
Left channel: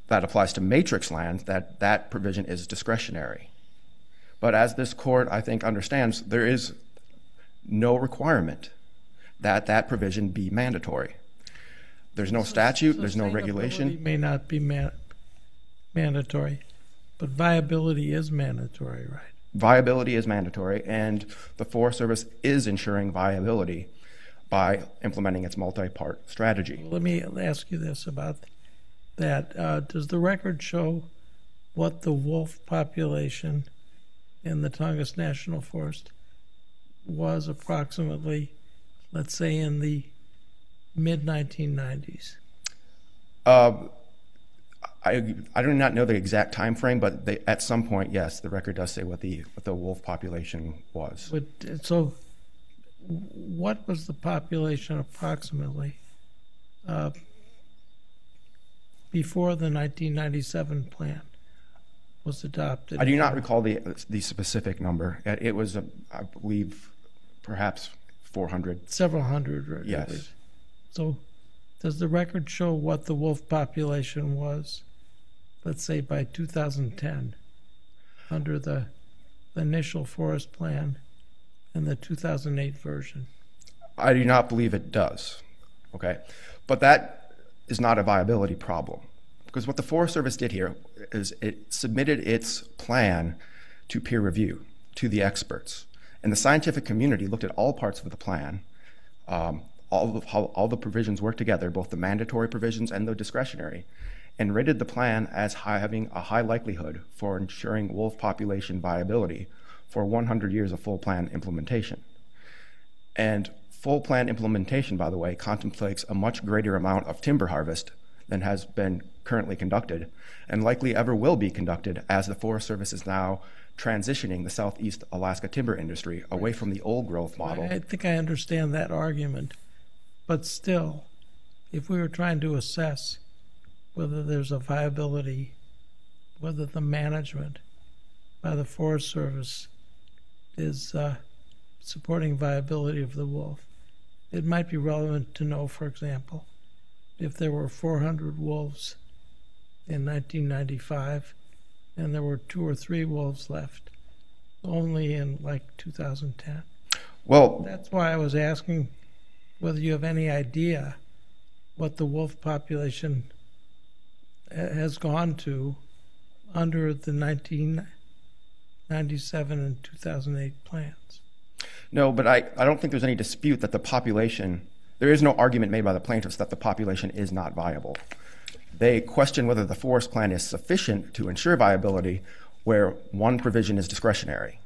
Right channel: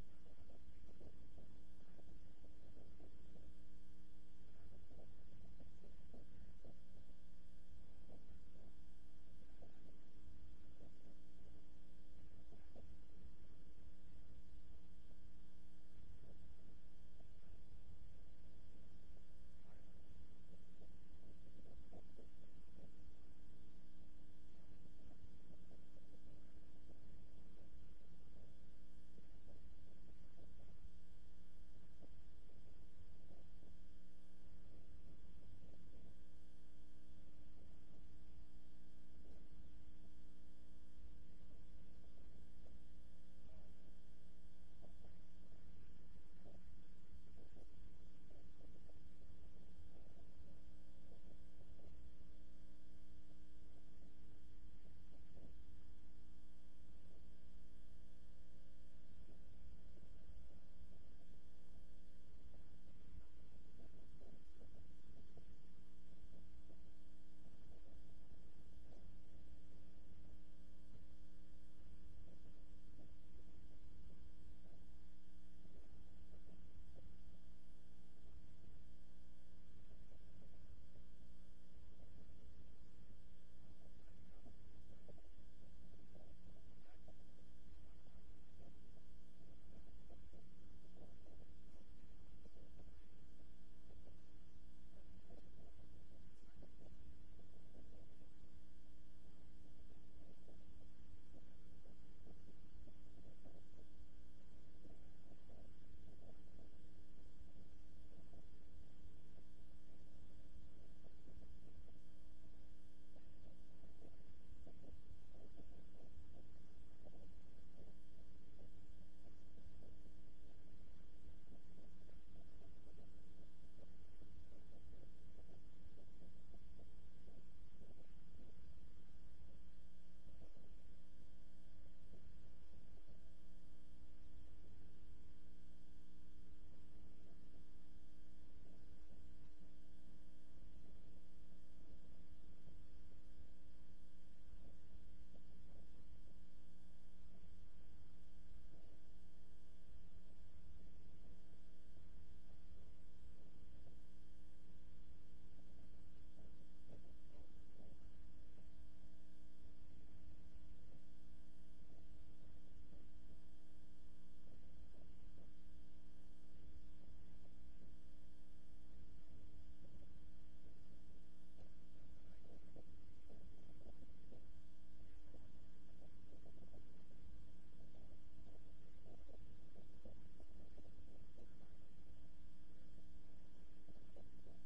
that applies to matrix lands, that provision is discretionary. But as this court, I think, understands, there is no requirement that that provision be mandatory. There's no statute, there's no regulation. Sustainability may not be mandatory, but viability is mandatory, right? Viability is mandatory, and the Forest Service is ensuring viability by implementing its multi-part strategy. Well, let me ask you this about that. Does the record show what the wolf population in the Tongass National Forest was approximately, let's say, in the mid-1990s? I do not know the exact time frame, but at some point, yes, the record does say what the wolf population was. So what was the population approximately before the 1997 plan was adopted? I do not recall the specific number. It was, I believe, perhaps 400. Several hundred, right? Yes. So does the record show what the wolf population was, let's say, by 2010 under the initial forest plan and the 2008 version? I do not believe it does, okay? But that is not a viability problem, because what the Forest Service did here is it submitted its plan to peer review, to the experts. And the scientific community looked at all parts of the plan, how all the provisions work together, both the mandatory provisions and the discretionary, and rated the plan as having a high likelihood for ensuring wolf population viability for 100 years of full plan implementation. And full plan implementation, by the way, contemplates a much greater amount of timber harvest than has been currently conducted, and likely ever will be conducted, as the Forest Service is now transitioning the Southeast Alaska timber industry away from the old growth model. I think I understand that argument, but still, if we were trying to assess whether there's a viability, whether the management by the Forest Service is supporting viability of the wolf, it might be relevant to know, for example, if there were 400 wolves in 1995 and there were 2 or 3 wolves left only in like 2010. Well, that's why I was asking whether you have any idea what the wolf population has gone to under the 1997 and 2008 plans. No, but I don't think there's any dispute that the population, there is no argument made by the plaintiffs that the population is not viable. They question whether the forest plan is sufficient to ensure viability where one provision is discretionary.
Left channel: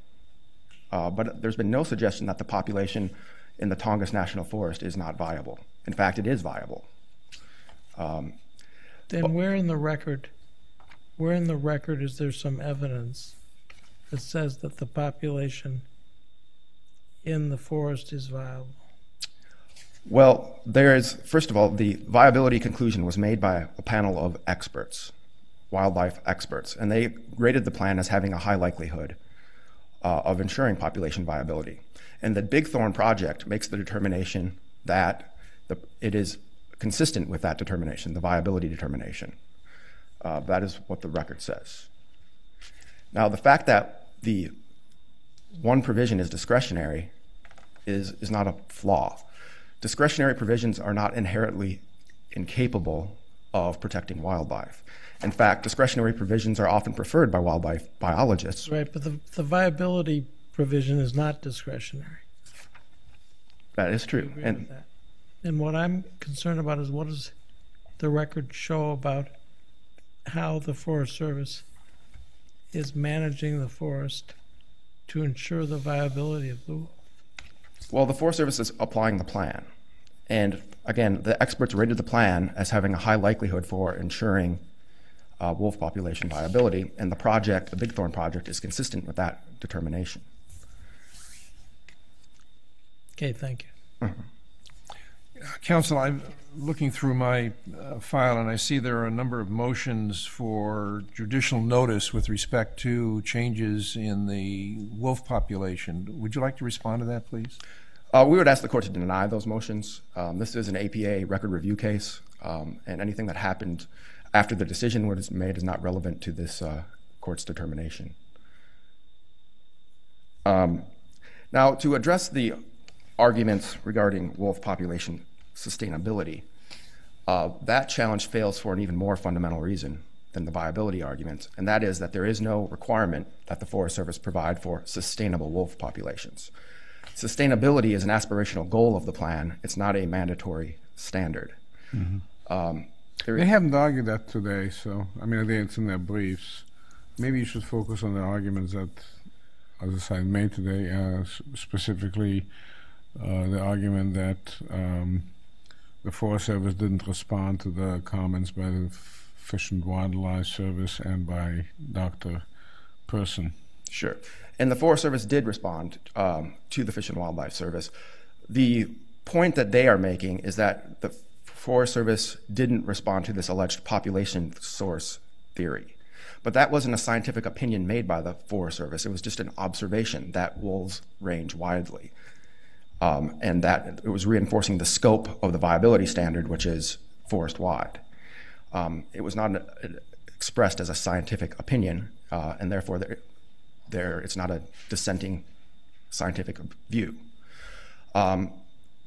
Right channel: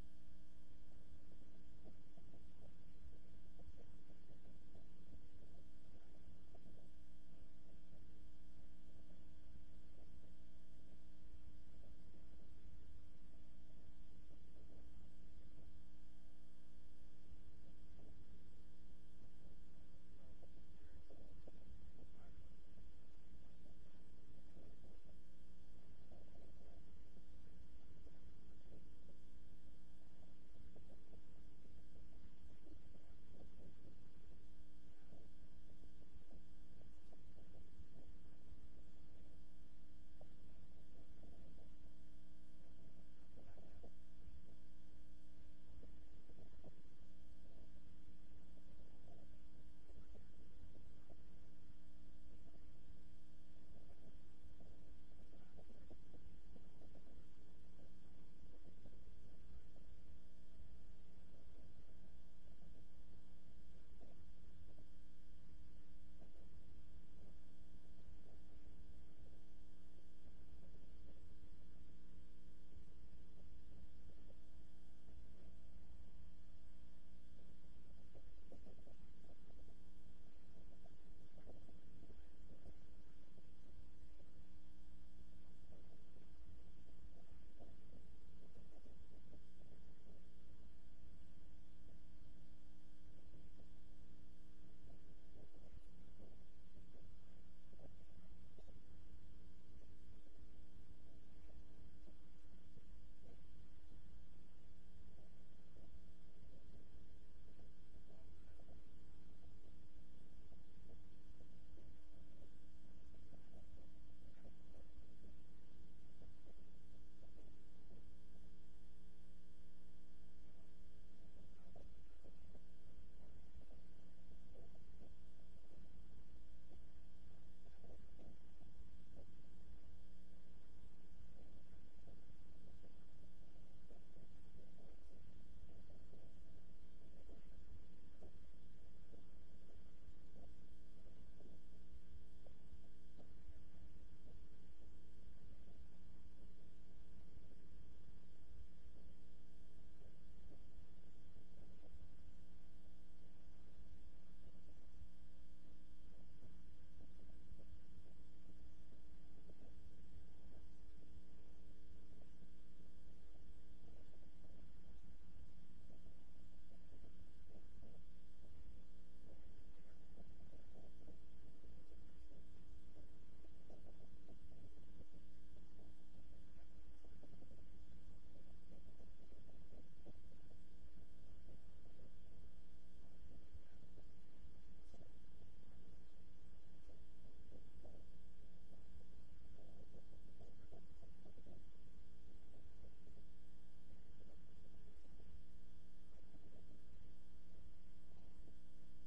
But there's been no suggestion that the population in the Tongass National Forest is not viable. In fact, it is viable. Then where in the record is there some evidence that says that the population in the forest is viable? Well, there is, first of all, the viability conclusion was made by a panel of experts, wildlife experts, and they rated the plan as having a high likelihood of ensuring population viability. And the Big Thorn Project makes the determination that it is consistent with that determination, the viability determination. That is what the record says. Now, the fact that the one provision is discretionary is not a flaw. Discretionary provisions are not inherently incapable of protecting wildlife. In fact, discretionary provisions are often preferred by wildlife biologists. Right, but the viability provision is not discretionary. That is true. And what I'm concerned about is, what does the record show about how the Forest Service is managing the forest to ensure the viability of the wolf? Well, the Forest Service is applying the plan. And again, the experts rated the plan as having a high likelihood for ensuring wolf population viability, and the project, the Big Thorn project, is consistent with that determination. Okay, thank you. Counsel, I'm looking through my file, and I see there are a number of motions for judicial notice with respect to changes in the wolf population. Would you like to respond to that, please? We would ask the court to deny those motions. This is an APA record review case, and anything that happened after the decision was made is not relevant to this court's determination. Now, to address the arguments regarding wolf population sustainability, that challenge fails for an even more fundamental reason than the viability argument, and that is that there is no requirement that the Forest Service provide for sustainable wolf populations. Sustainability is an aspirational goal of the plan. It's not a mandatory standard. Mm-hmm. They haven't argued that today, so I mean, I think it's in their briefs. Maybe you should focus on the arguments that other side made today, specifically the argument that the Forest Service didn't respond to the comments by the Fish and Wildlife Service and by Dr. Person. Sure. And the Forest Service did respond to the Fish and Wildlife Service. The point that they are making is that the Forest Service didn't respond to this alleged population source theory. But that wasn't a scientific opinion made by the Forest Service. It was just an observation that wolves range widely. And that it was reinforcing the scope of the viability standard, which is forest-wide. It was not expressed as a scientific opinion, and therefore it's not a dissenting scientific view.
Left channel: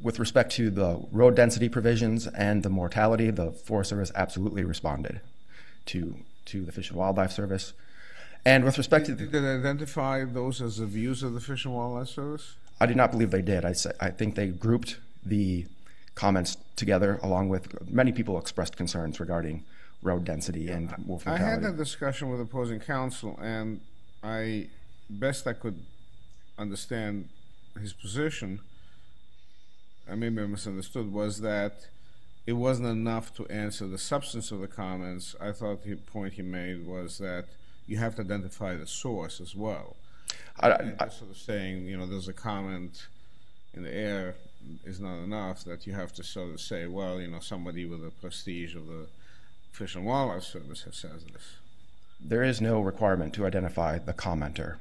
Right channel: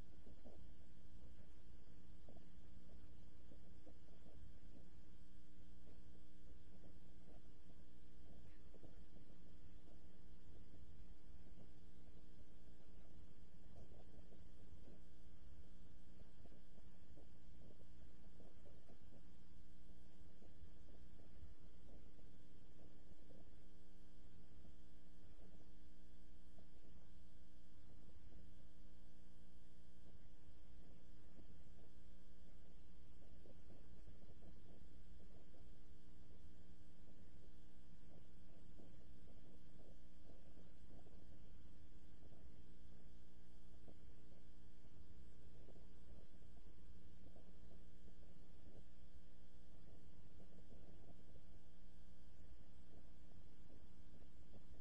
With respect to the road density provisions and the mortality, the Forest Service absolutely responded to the Fish and Wildlife Service. And with respect to... Did they identify those as the views of the Fish and Wildlife Service? I do not believe they did. I think they grouped the comments together, along with many people expressed concerns regarding road density and wolf mortality. I had that discussion with opposing counsel, and best I could understand his position, I maybe I misunderstood, was that it wasn't enough to answer the substance of the comments. I thought the point he made was that you have to identify the source as well. Sort of saying, you know, there's a comment in the air is not enough, that you have to sort of say, well, you know, somebody with the prestige of the Fish and Wildlife Service has said this. There is no requirement to identify the commenter.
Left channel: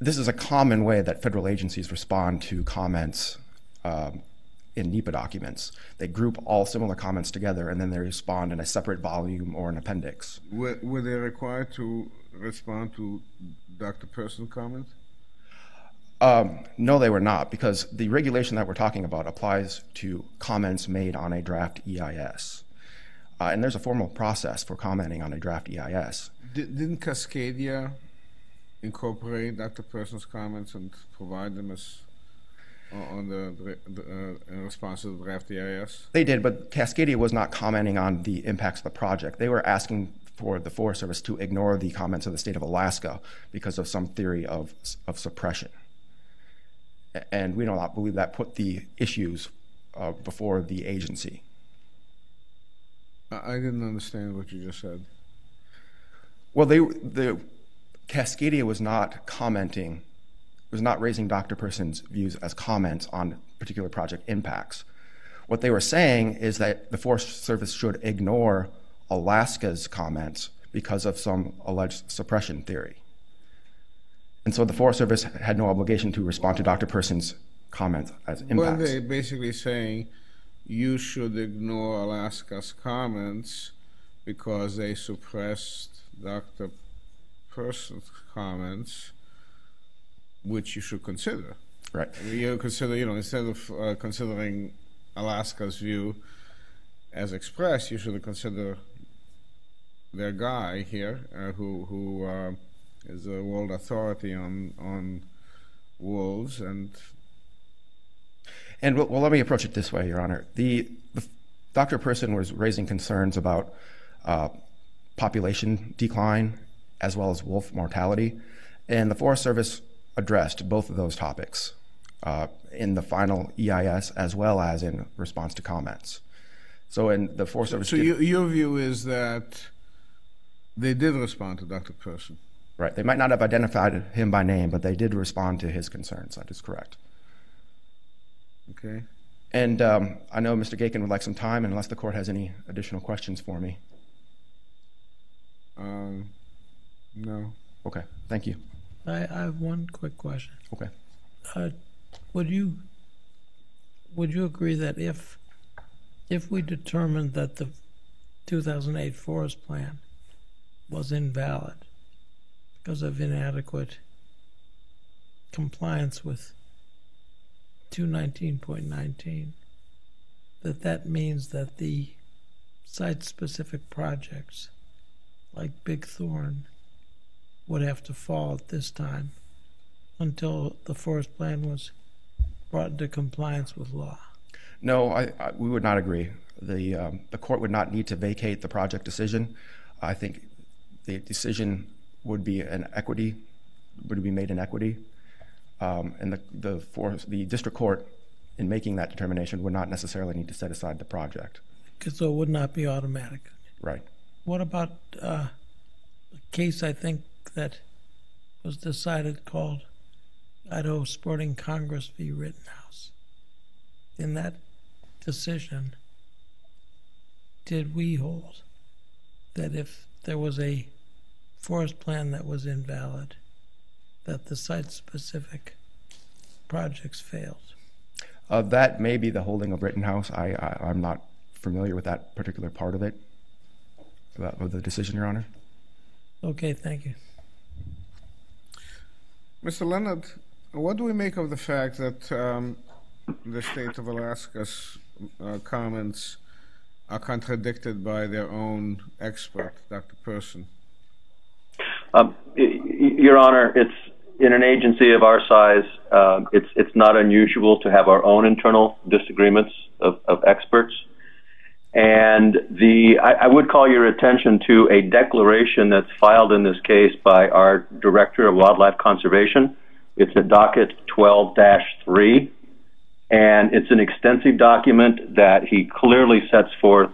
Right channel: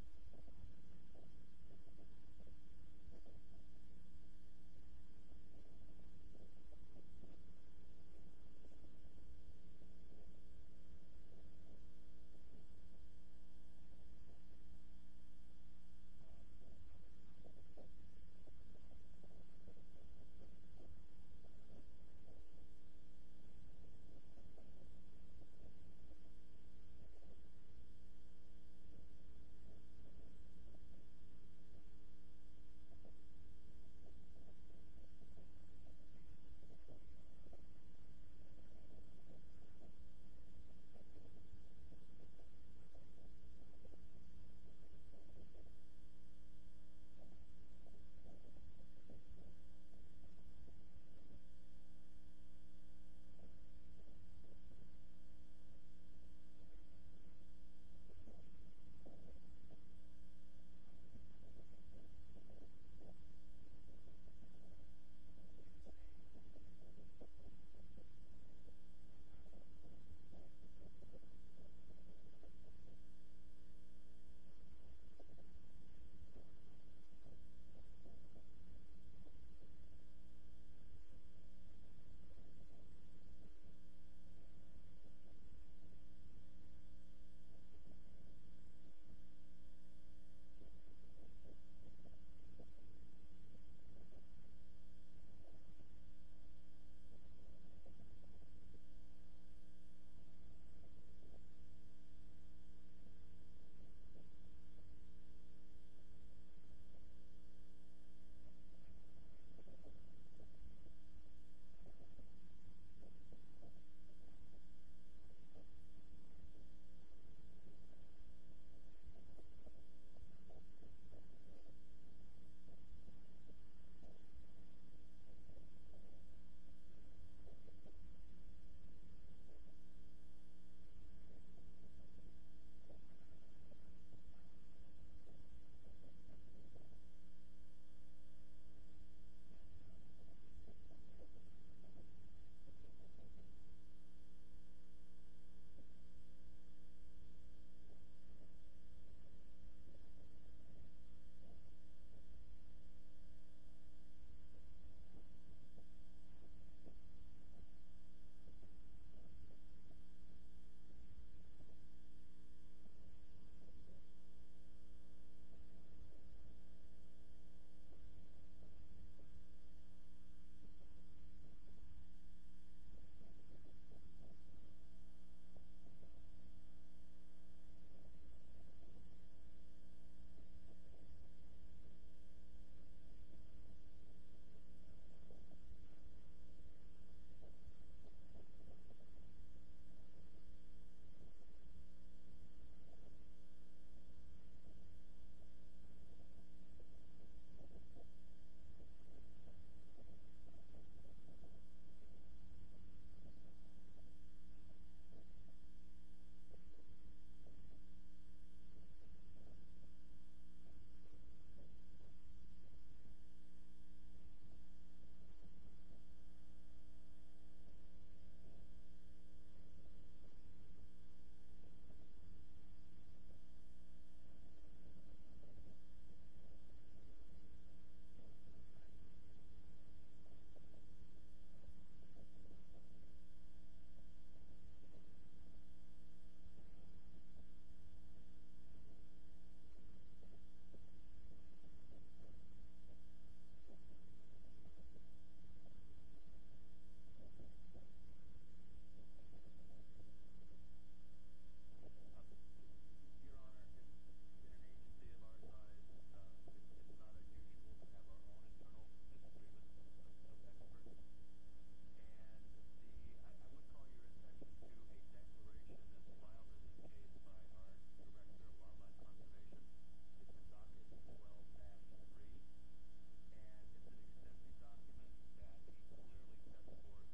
This is a common way that federal agencies respond to comments in NEPA documents. They group all similar comments together, and then they respond in a separate volume or an appendix. Were they required to respond to Dr. Person's comment? No, they were not, because the regulation that we're talking about applies to comments made on a draft EIS. And there's a formal process for commenting on a draft EIS. Didn't Cascadia incorporate Dr. Person's comments and provide them as on in response to the draft EIS? They did, but Cascadia was not commenting on the impacts of the project. They were asking for the Forest Service to ignore the comments of the state of Alaska because of some theory of suppression. And we do not believe that put the issues before the agency. I didn't understand what you just said. Well, the Cascadia was not commenting, was not raising Dr. Person's views as comments on particular project impacts. What they were saying is that the Forest Service should ignore Alaska's comments because of some alleged suppression theory. And so the Forest Service had no obligation to respond to Dr. Person's comments as impacts. Well, they're basically saying you should ignore Alaska's comments because they suppressed Dr. Person's comments, which you should consider. Right. You consider, you know, instead of considering Alaska's view as expressed, you should consider their guy here, who is a world authority on wolves, and well, let me approach it this way, Your Honor. Dr. Person was raising concerns about population decline as well as wolf mortality, and the Forest Service addressed both of those topics in the final EIS as well as in response to comments. So in the Forest Service... So your view is that they did respond to Dr. Person? Right. They might not have identified him by name, but they did respond to his concerns. That is correct. Okay. And I know Mr. Gakin would like some time, unless the court has any additional questions for me. No. Okay. Thank you. I have one quick question. Okay. Would you agree that if we determined that the 2008 forest plan was invalid because of inadequate compliance with 219.19, that means that the site-specific projects like Big Thorn would have to fall at this time until the forest plan was brought into compliance with law? No, we would not agree. The court would not need to vacate the project decision. I think the decision would be made in equity, and the district court, in making that determination, would not necessarily need to set aside the project. So it would not be automatic. Right. What about a case, I think, that was decided called Idaho Sporting Congress v. Rittenhouse? In that decision, did we hold that if there was a forest plan that was invalid, that the site-specific projects failed? That may be the holding of Rittenhouse. I'm not familiar with that particular part of it, of the decision, Your Honor. Okay, thank you. Mr. Leonard, what do we make of the fact that the state of Alaska's comments are contradicted by their own expert, Dr. Person? Your Honor, it's in an agency of our size, it's not unusual to have our own internal disagreements of experts. And I would call your attention to a declaration that's filed in this case by our Director of Wildlife Conservation. It's at docket 12-3, and it's an extensive document that he clearly sets forth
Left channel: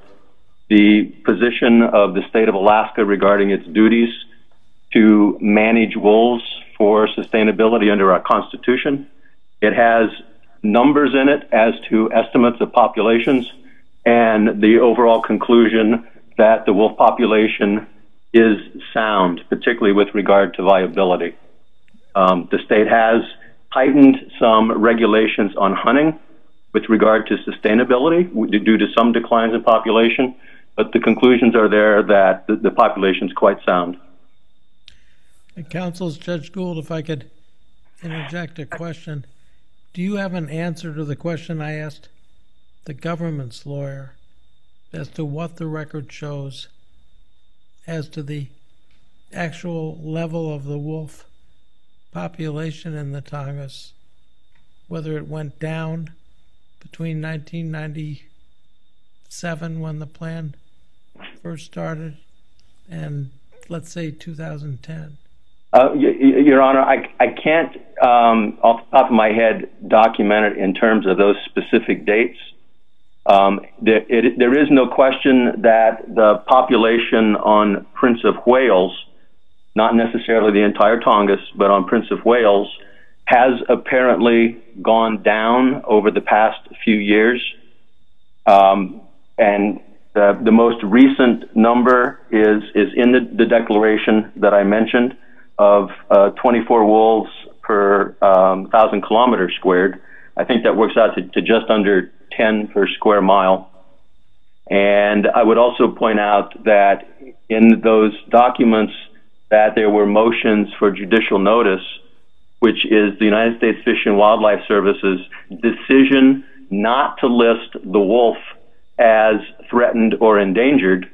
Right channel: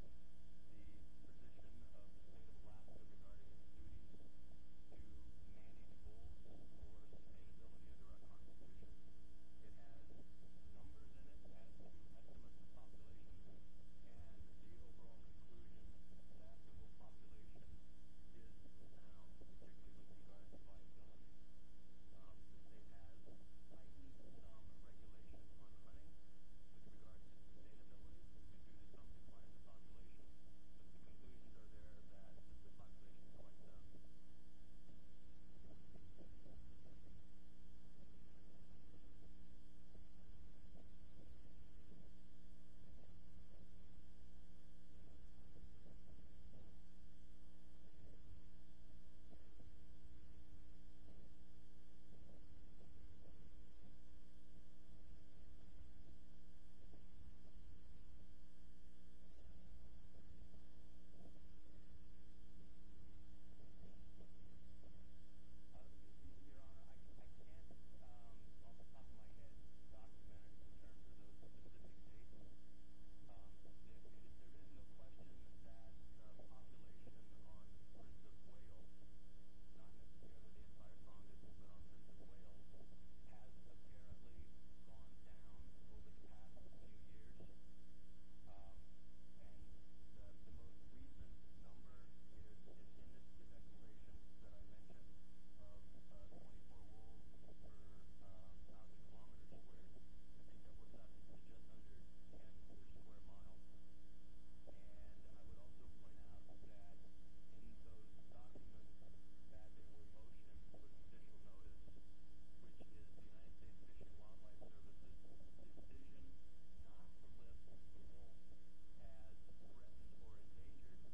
the position of the state of Alaska regarding its duties to manage wolves for sustainability under our Constitution. It has numbers in it as to estimates of populations and the overall conclusion that the wolf population is sound, particularly with regard to viability. The state has tightened some regulations on hunting with regard to sustainability due to some declines in population, but the conclusions are there that the population is quite sound. Counsel, Judge Gould, if I could interject a question. Do you have an answer to the question I asked the government's lawyer as to what the record shows as to the actual level of the wolf population in the Tongass, whether it went down between 1997, when the plan first started, and let's say 2010? Your Honor, I can't, off the top of my head, document it in terms of those specific dates. There is no question that the population on Prince of Wales, not necessarily the entire Tongass, but on Prince of Wales, has apparently gone down over the past few years. And the most recent number is in the declaration that I mentioned of 24 wolves per 1,000 kilometers squared. I think that works out to just under 10 per square mile. And I would also point out that in those documents that there were motions for judicial notice, which is the United States Fish and Wildlife Service's decision not to list the wolf as threatened or endangered,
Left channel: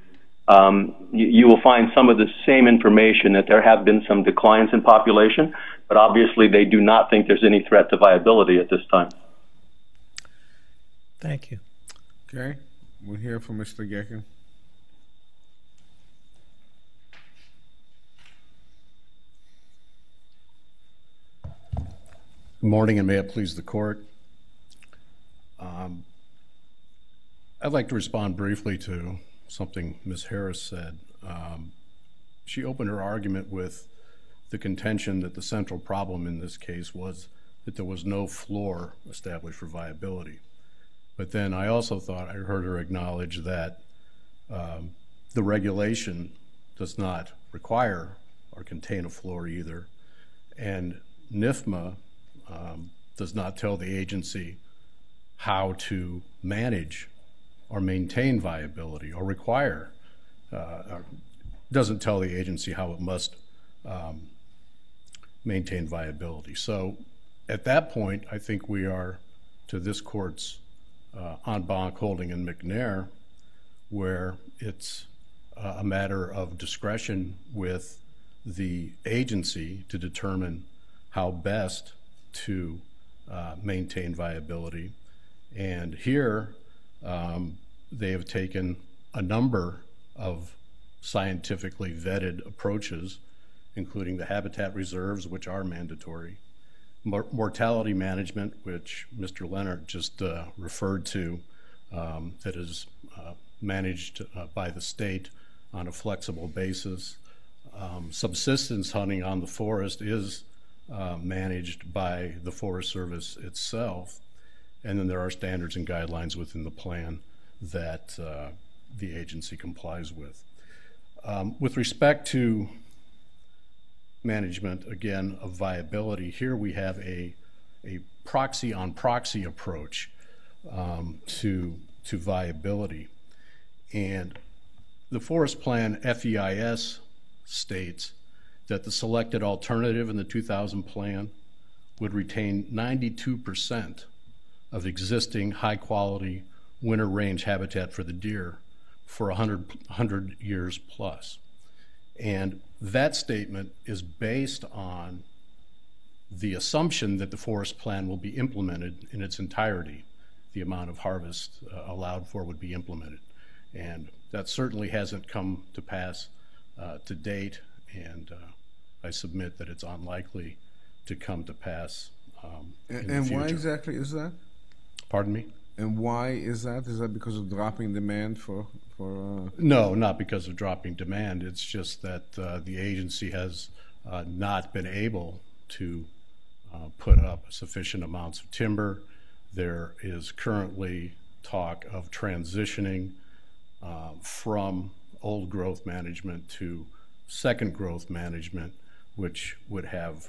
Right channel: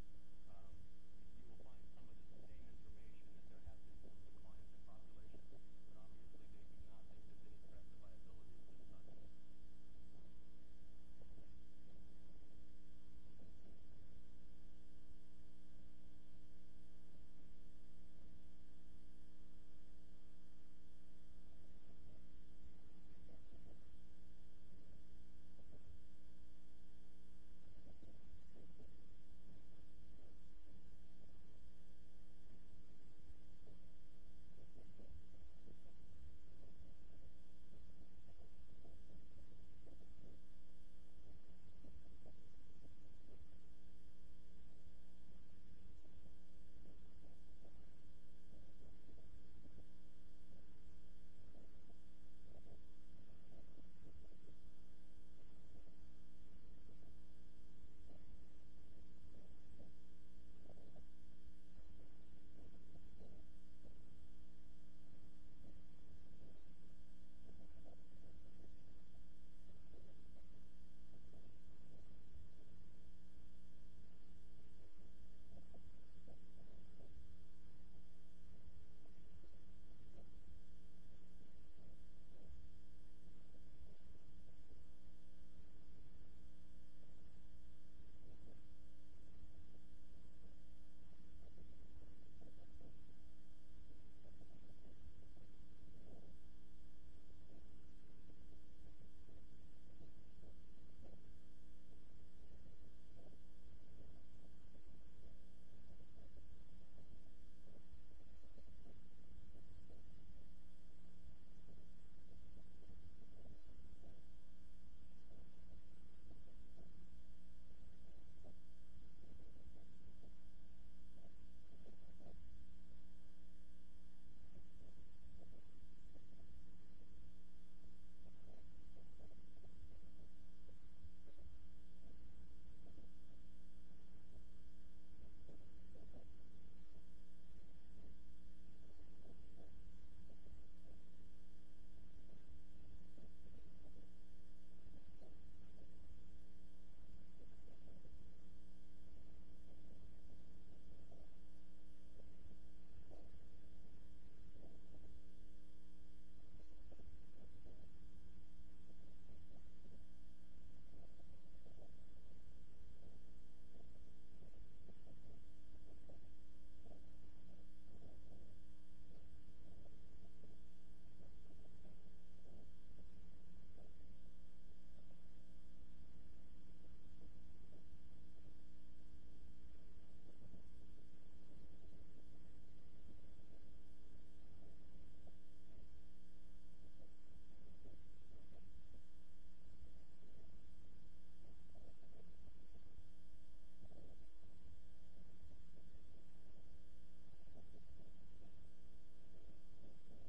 you will find some of the same information, that there have been some declines in population, but obviously they do not think there's any threat to viability at this time. Thank you. Okay, we'll hear from Mr. Gecken. Good morning, and may it please the court. I'd like to respond briefly to something Ms. Harris said. She opened her argument with the contention that the central problem in this case was that there was no floor established for viability. But then I also thought I heard her acknowledge that the regulation does not require or contain a floor either, and NIFMA does not tell the agency how to manage or maintain viability, or require, doesn't tell the agency how it must maintain viability. So at that point, I think we are to this court's en banc holding in McNair, where it's a matter of discretion with the agency to determine how best to maintain viability. And here, they have taken a number of scientifically vetted approaches, including the habitat reserves, which are mandatory, mortality management, which Mr. Leonard just referred to, that is managed by the state on a flexible basis. Subsistence hunting on the forest is managed by the Forest Service itself, and then there are standards and guidelines within the plan that the agency complies with. With respect to management, again, of viability, here we have a proxy on proxy approach to viability. And the forest plan FEIS states that the selected alternative in the 2000 plan would retain 92% of existing high quality winter range habitat for the deer for 100 years plus. And that statement is based on the assumption that the forest plan will be implemented in its entirety. The amount of harvest allowed for would be implemented. And that certainly hasn't come to pass to date, and I submit that it's unlikely to come to pass in the future. Why exactly is that? Pardon me? And why is that? Is that because of dropping demand for No, not because of dropping demand. It's just that the agency has not been able to put up sufficient amounts of timber. There is currently talk of transitioning from old growth management to second growth management, which would have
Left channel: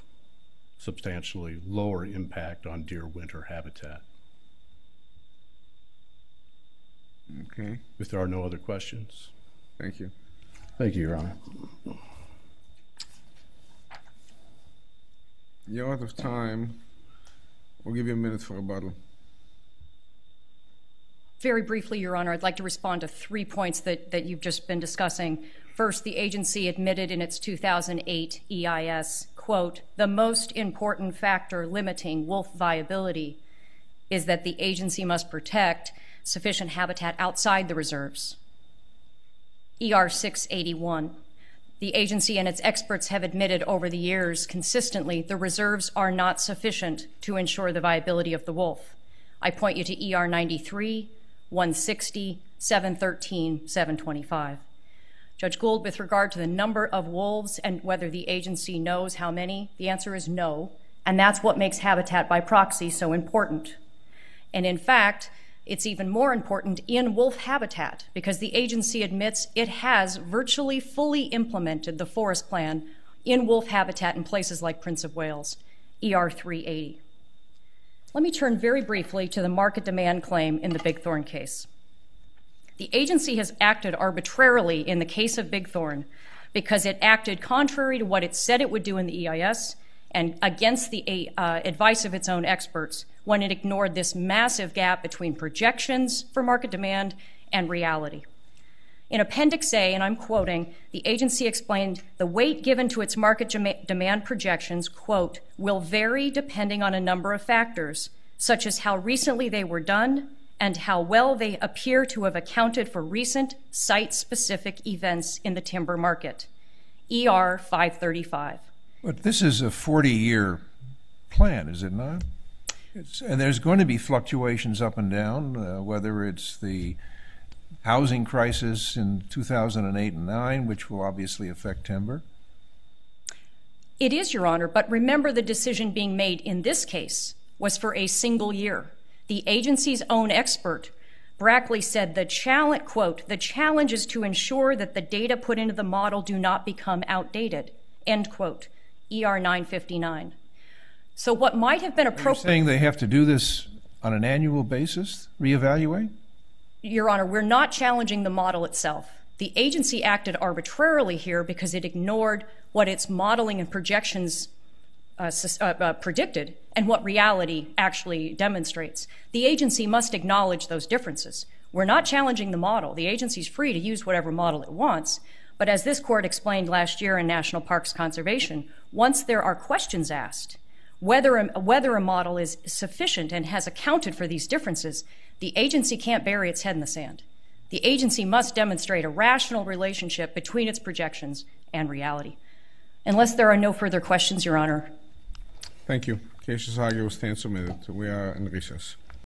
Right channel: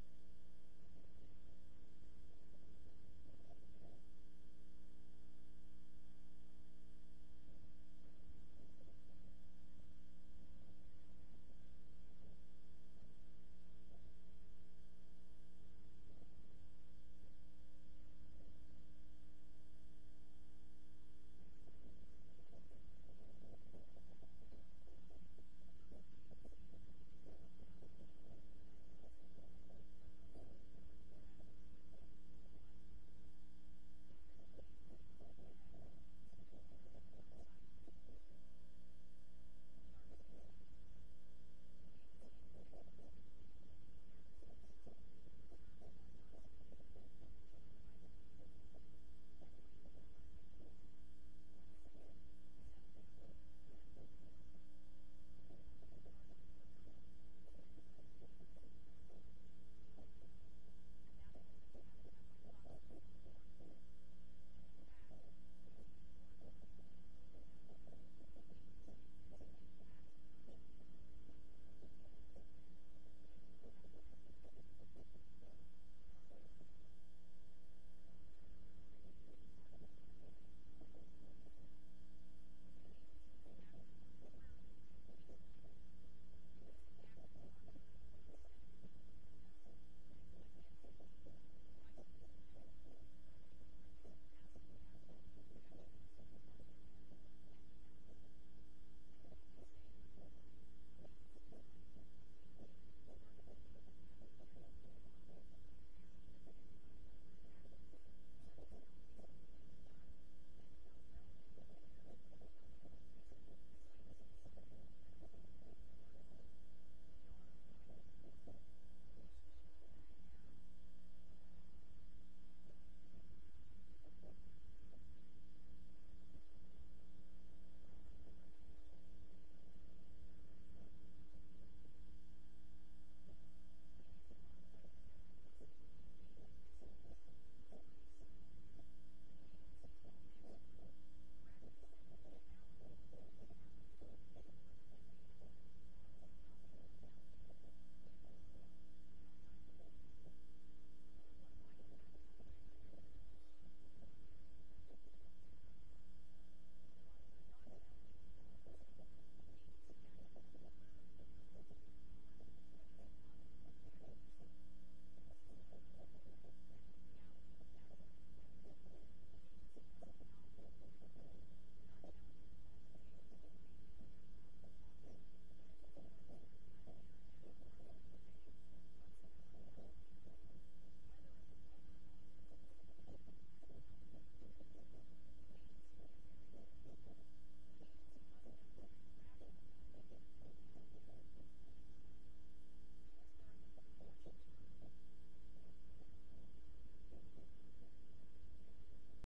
substantially lower impact on deer winter habitat. Okay. If there are no other questions. Thank you. Thank you, Your Honor. You're out of time. We'll give you a minute for rebuttal. Very briefly, Your Honor, I'd like to respond to 3 points that you've just been discussing. First, the agency admitted in its 2008 EIS, quote, "The most important factor limiting wolf viability is that the agency must protect sufficient habitat outside the reserves." ER 681. The agency and its experts have admitted over the years consistently the reserves are not sufficient to ensure the viability of the wolf. I point you to ER 93, 160, 713, 725. Judge Gould, with regard to the number of wolves and whether the agency knows how many, the answer is no, and that's what makes habitat by proxy so important. And in fact, it's even more important in wolf habitat because the agency admits it has virtually fully implemented the forest plan in wolf habitat in places like Prince of Wales, ER 380. Let me turn very briefly to the market demand claim in the Bigthorn case. The agency has acted arbitrarily in the case of Bigthorn because it acted contrary to what it said it would do in the EIS and against the advice of its own experts when it ignored this massive gap between projections for market demand and reality. In Appendix A, and I'm quoting, the agency explained the weight given to its market demand projections, quote, will vary depending on a number of factors, such as how recently they were done and how well they appear to have accounted for recent site-specific events in the timber market. ER 535. But this is a 40-year plan, is it not? And there's going to be fluctuations up and down, whether it's the housing crisis in 2008 and 9, which will obviously affect timber. It is, Your Honor, but remember the decision being made in this case was for a single year. The agency's own expert, Brackley, said the challenge, quote, the challenge is to ensure that the data put into the model do not become outdated, end quote, ER 959. So what might have been appropriate... You're saying they have to do this on an annual basis, reevaluate? Your Honor, we're not challenging the model itself. The agency acted arbitrarily here because it ignored what its modeling and projections predicted and what reality actually demonstrates. The agency must acknowledge those differences. We're not challenging the model. The agency's free to use whatever model it wants, but as this court explained last year in National Parks Conservation, once there are questions asked, whether a model is sufficient and has accounted for these differences, the agency can't bury its head in the sand. The agency must demonstrate a rational relationship between its projections and reality. Unless there are no further questions, Your Honor. Thank you. Case is argued, will stand submitted. We are in recess.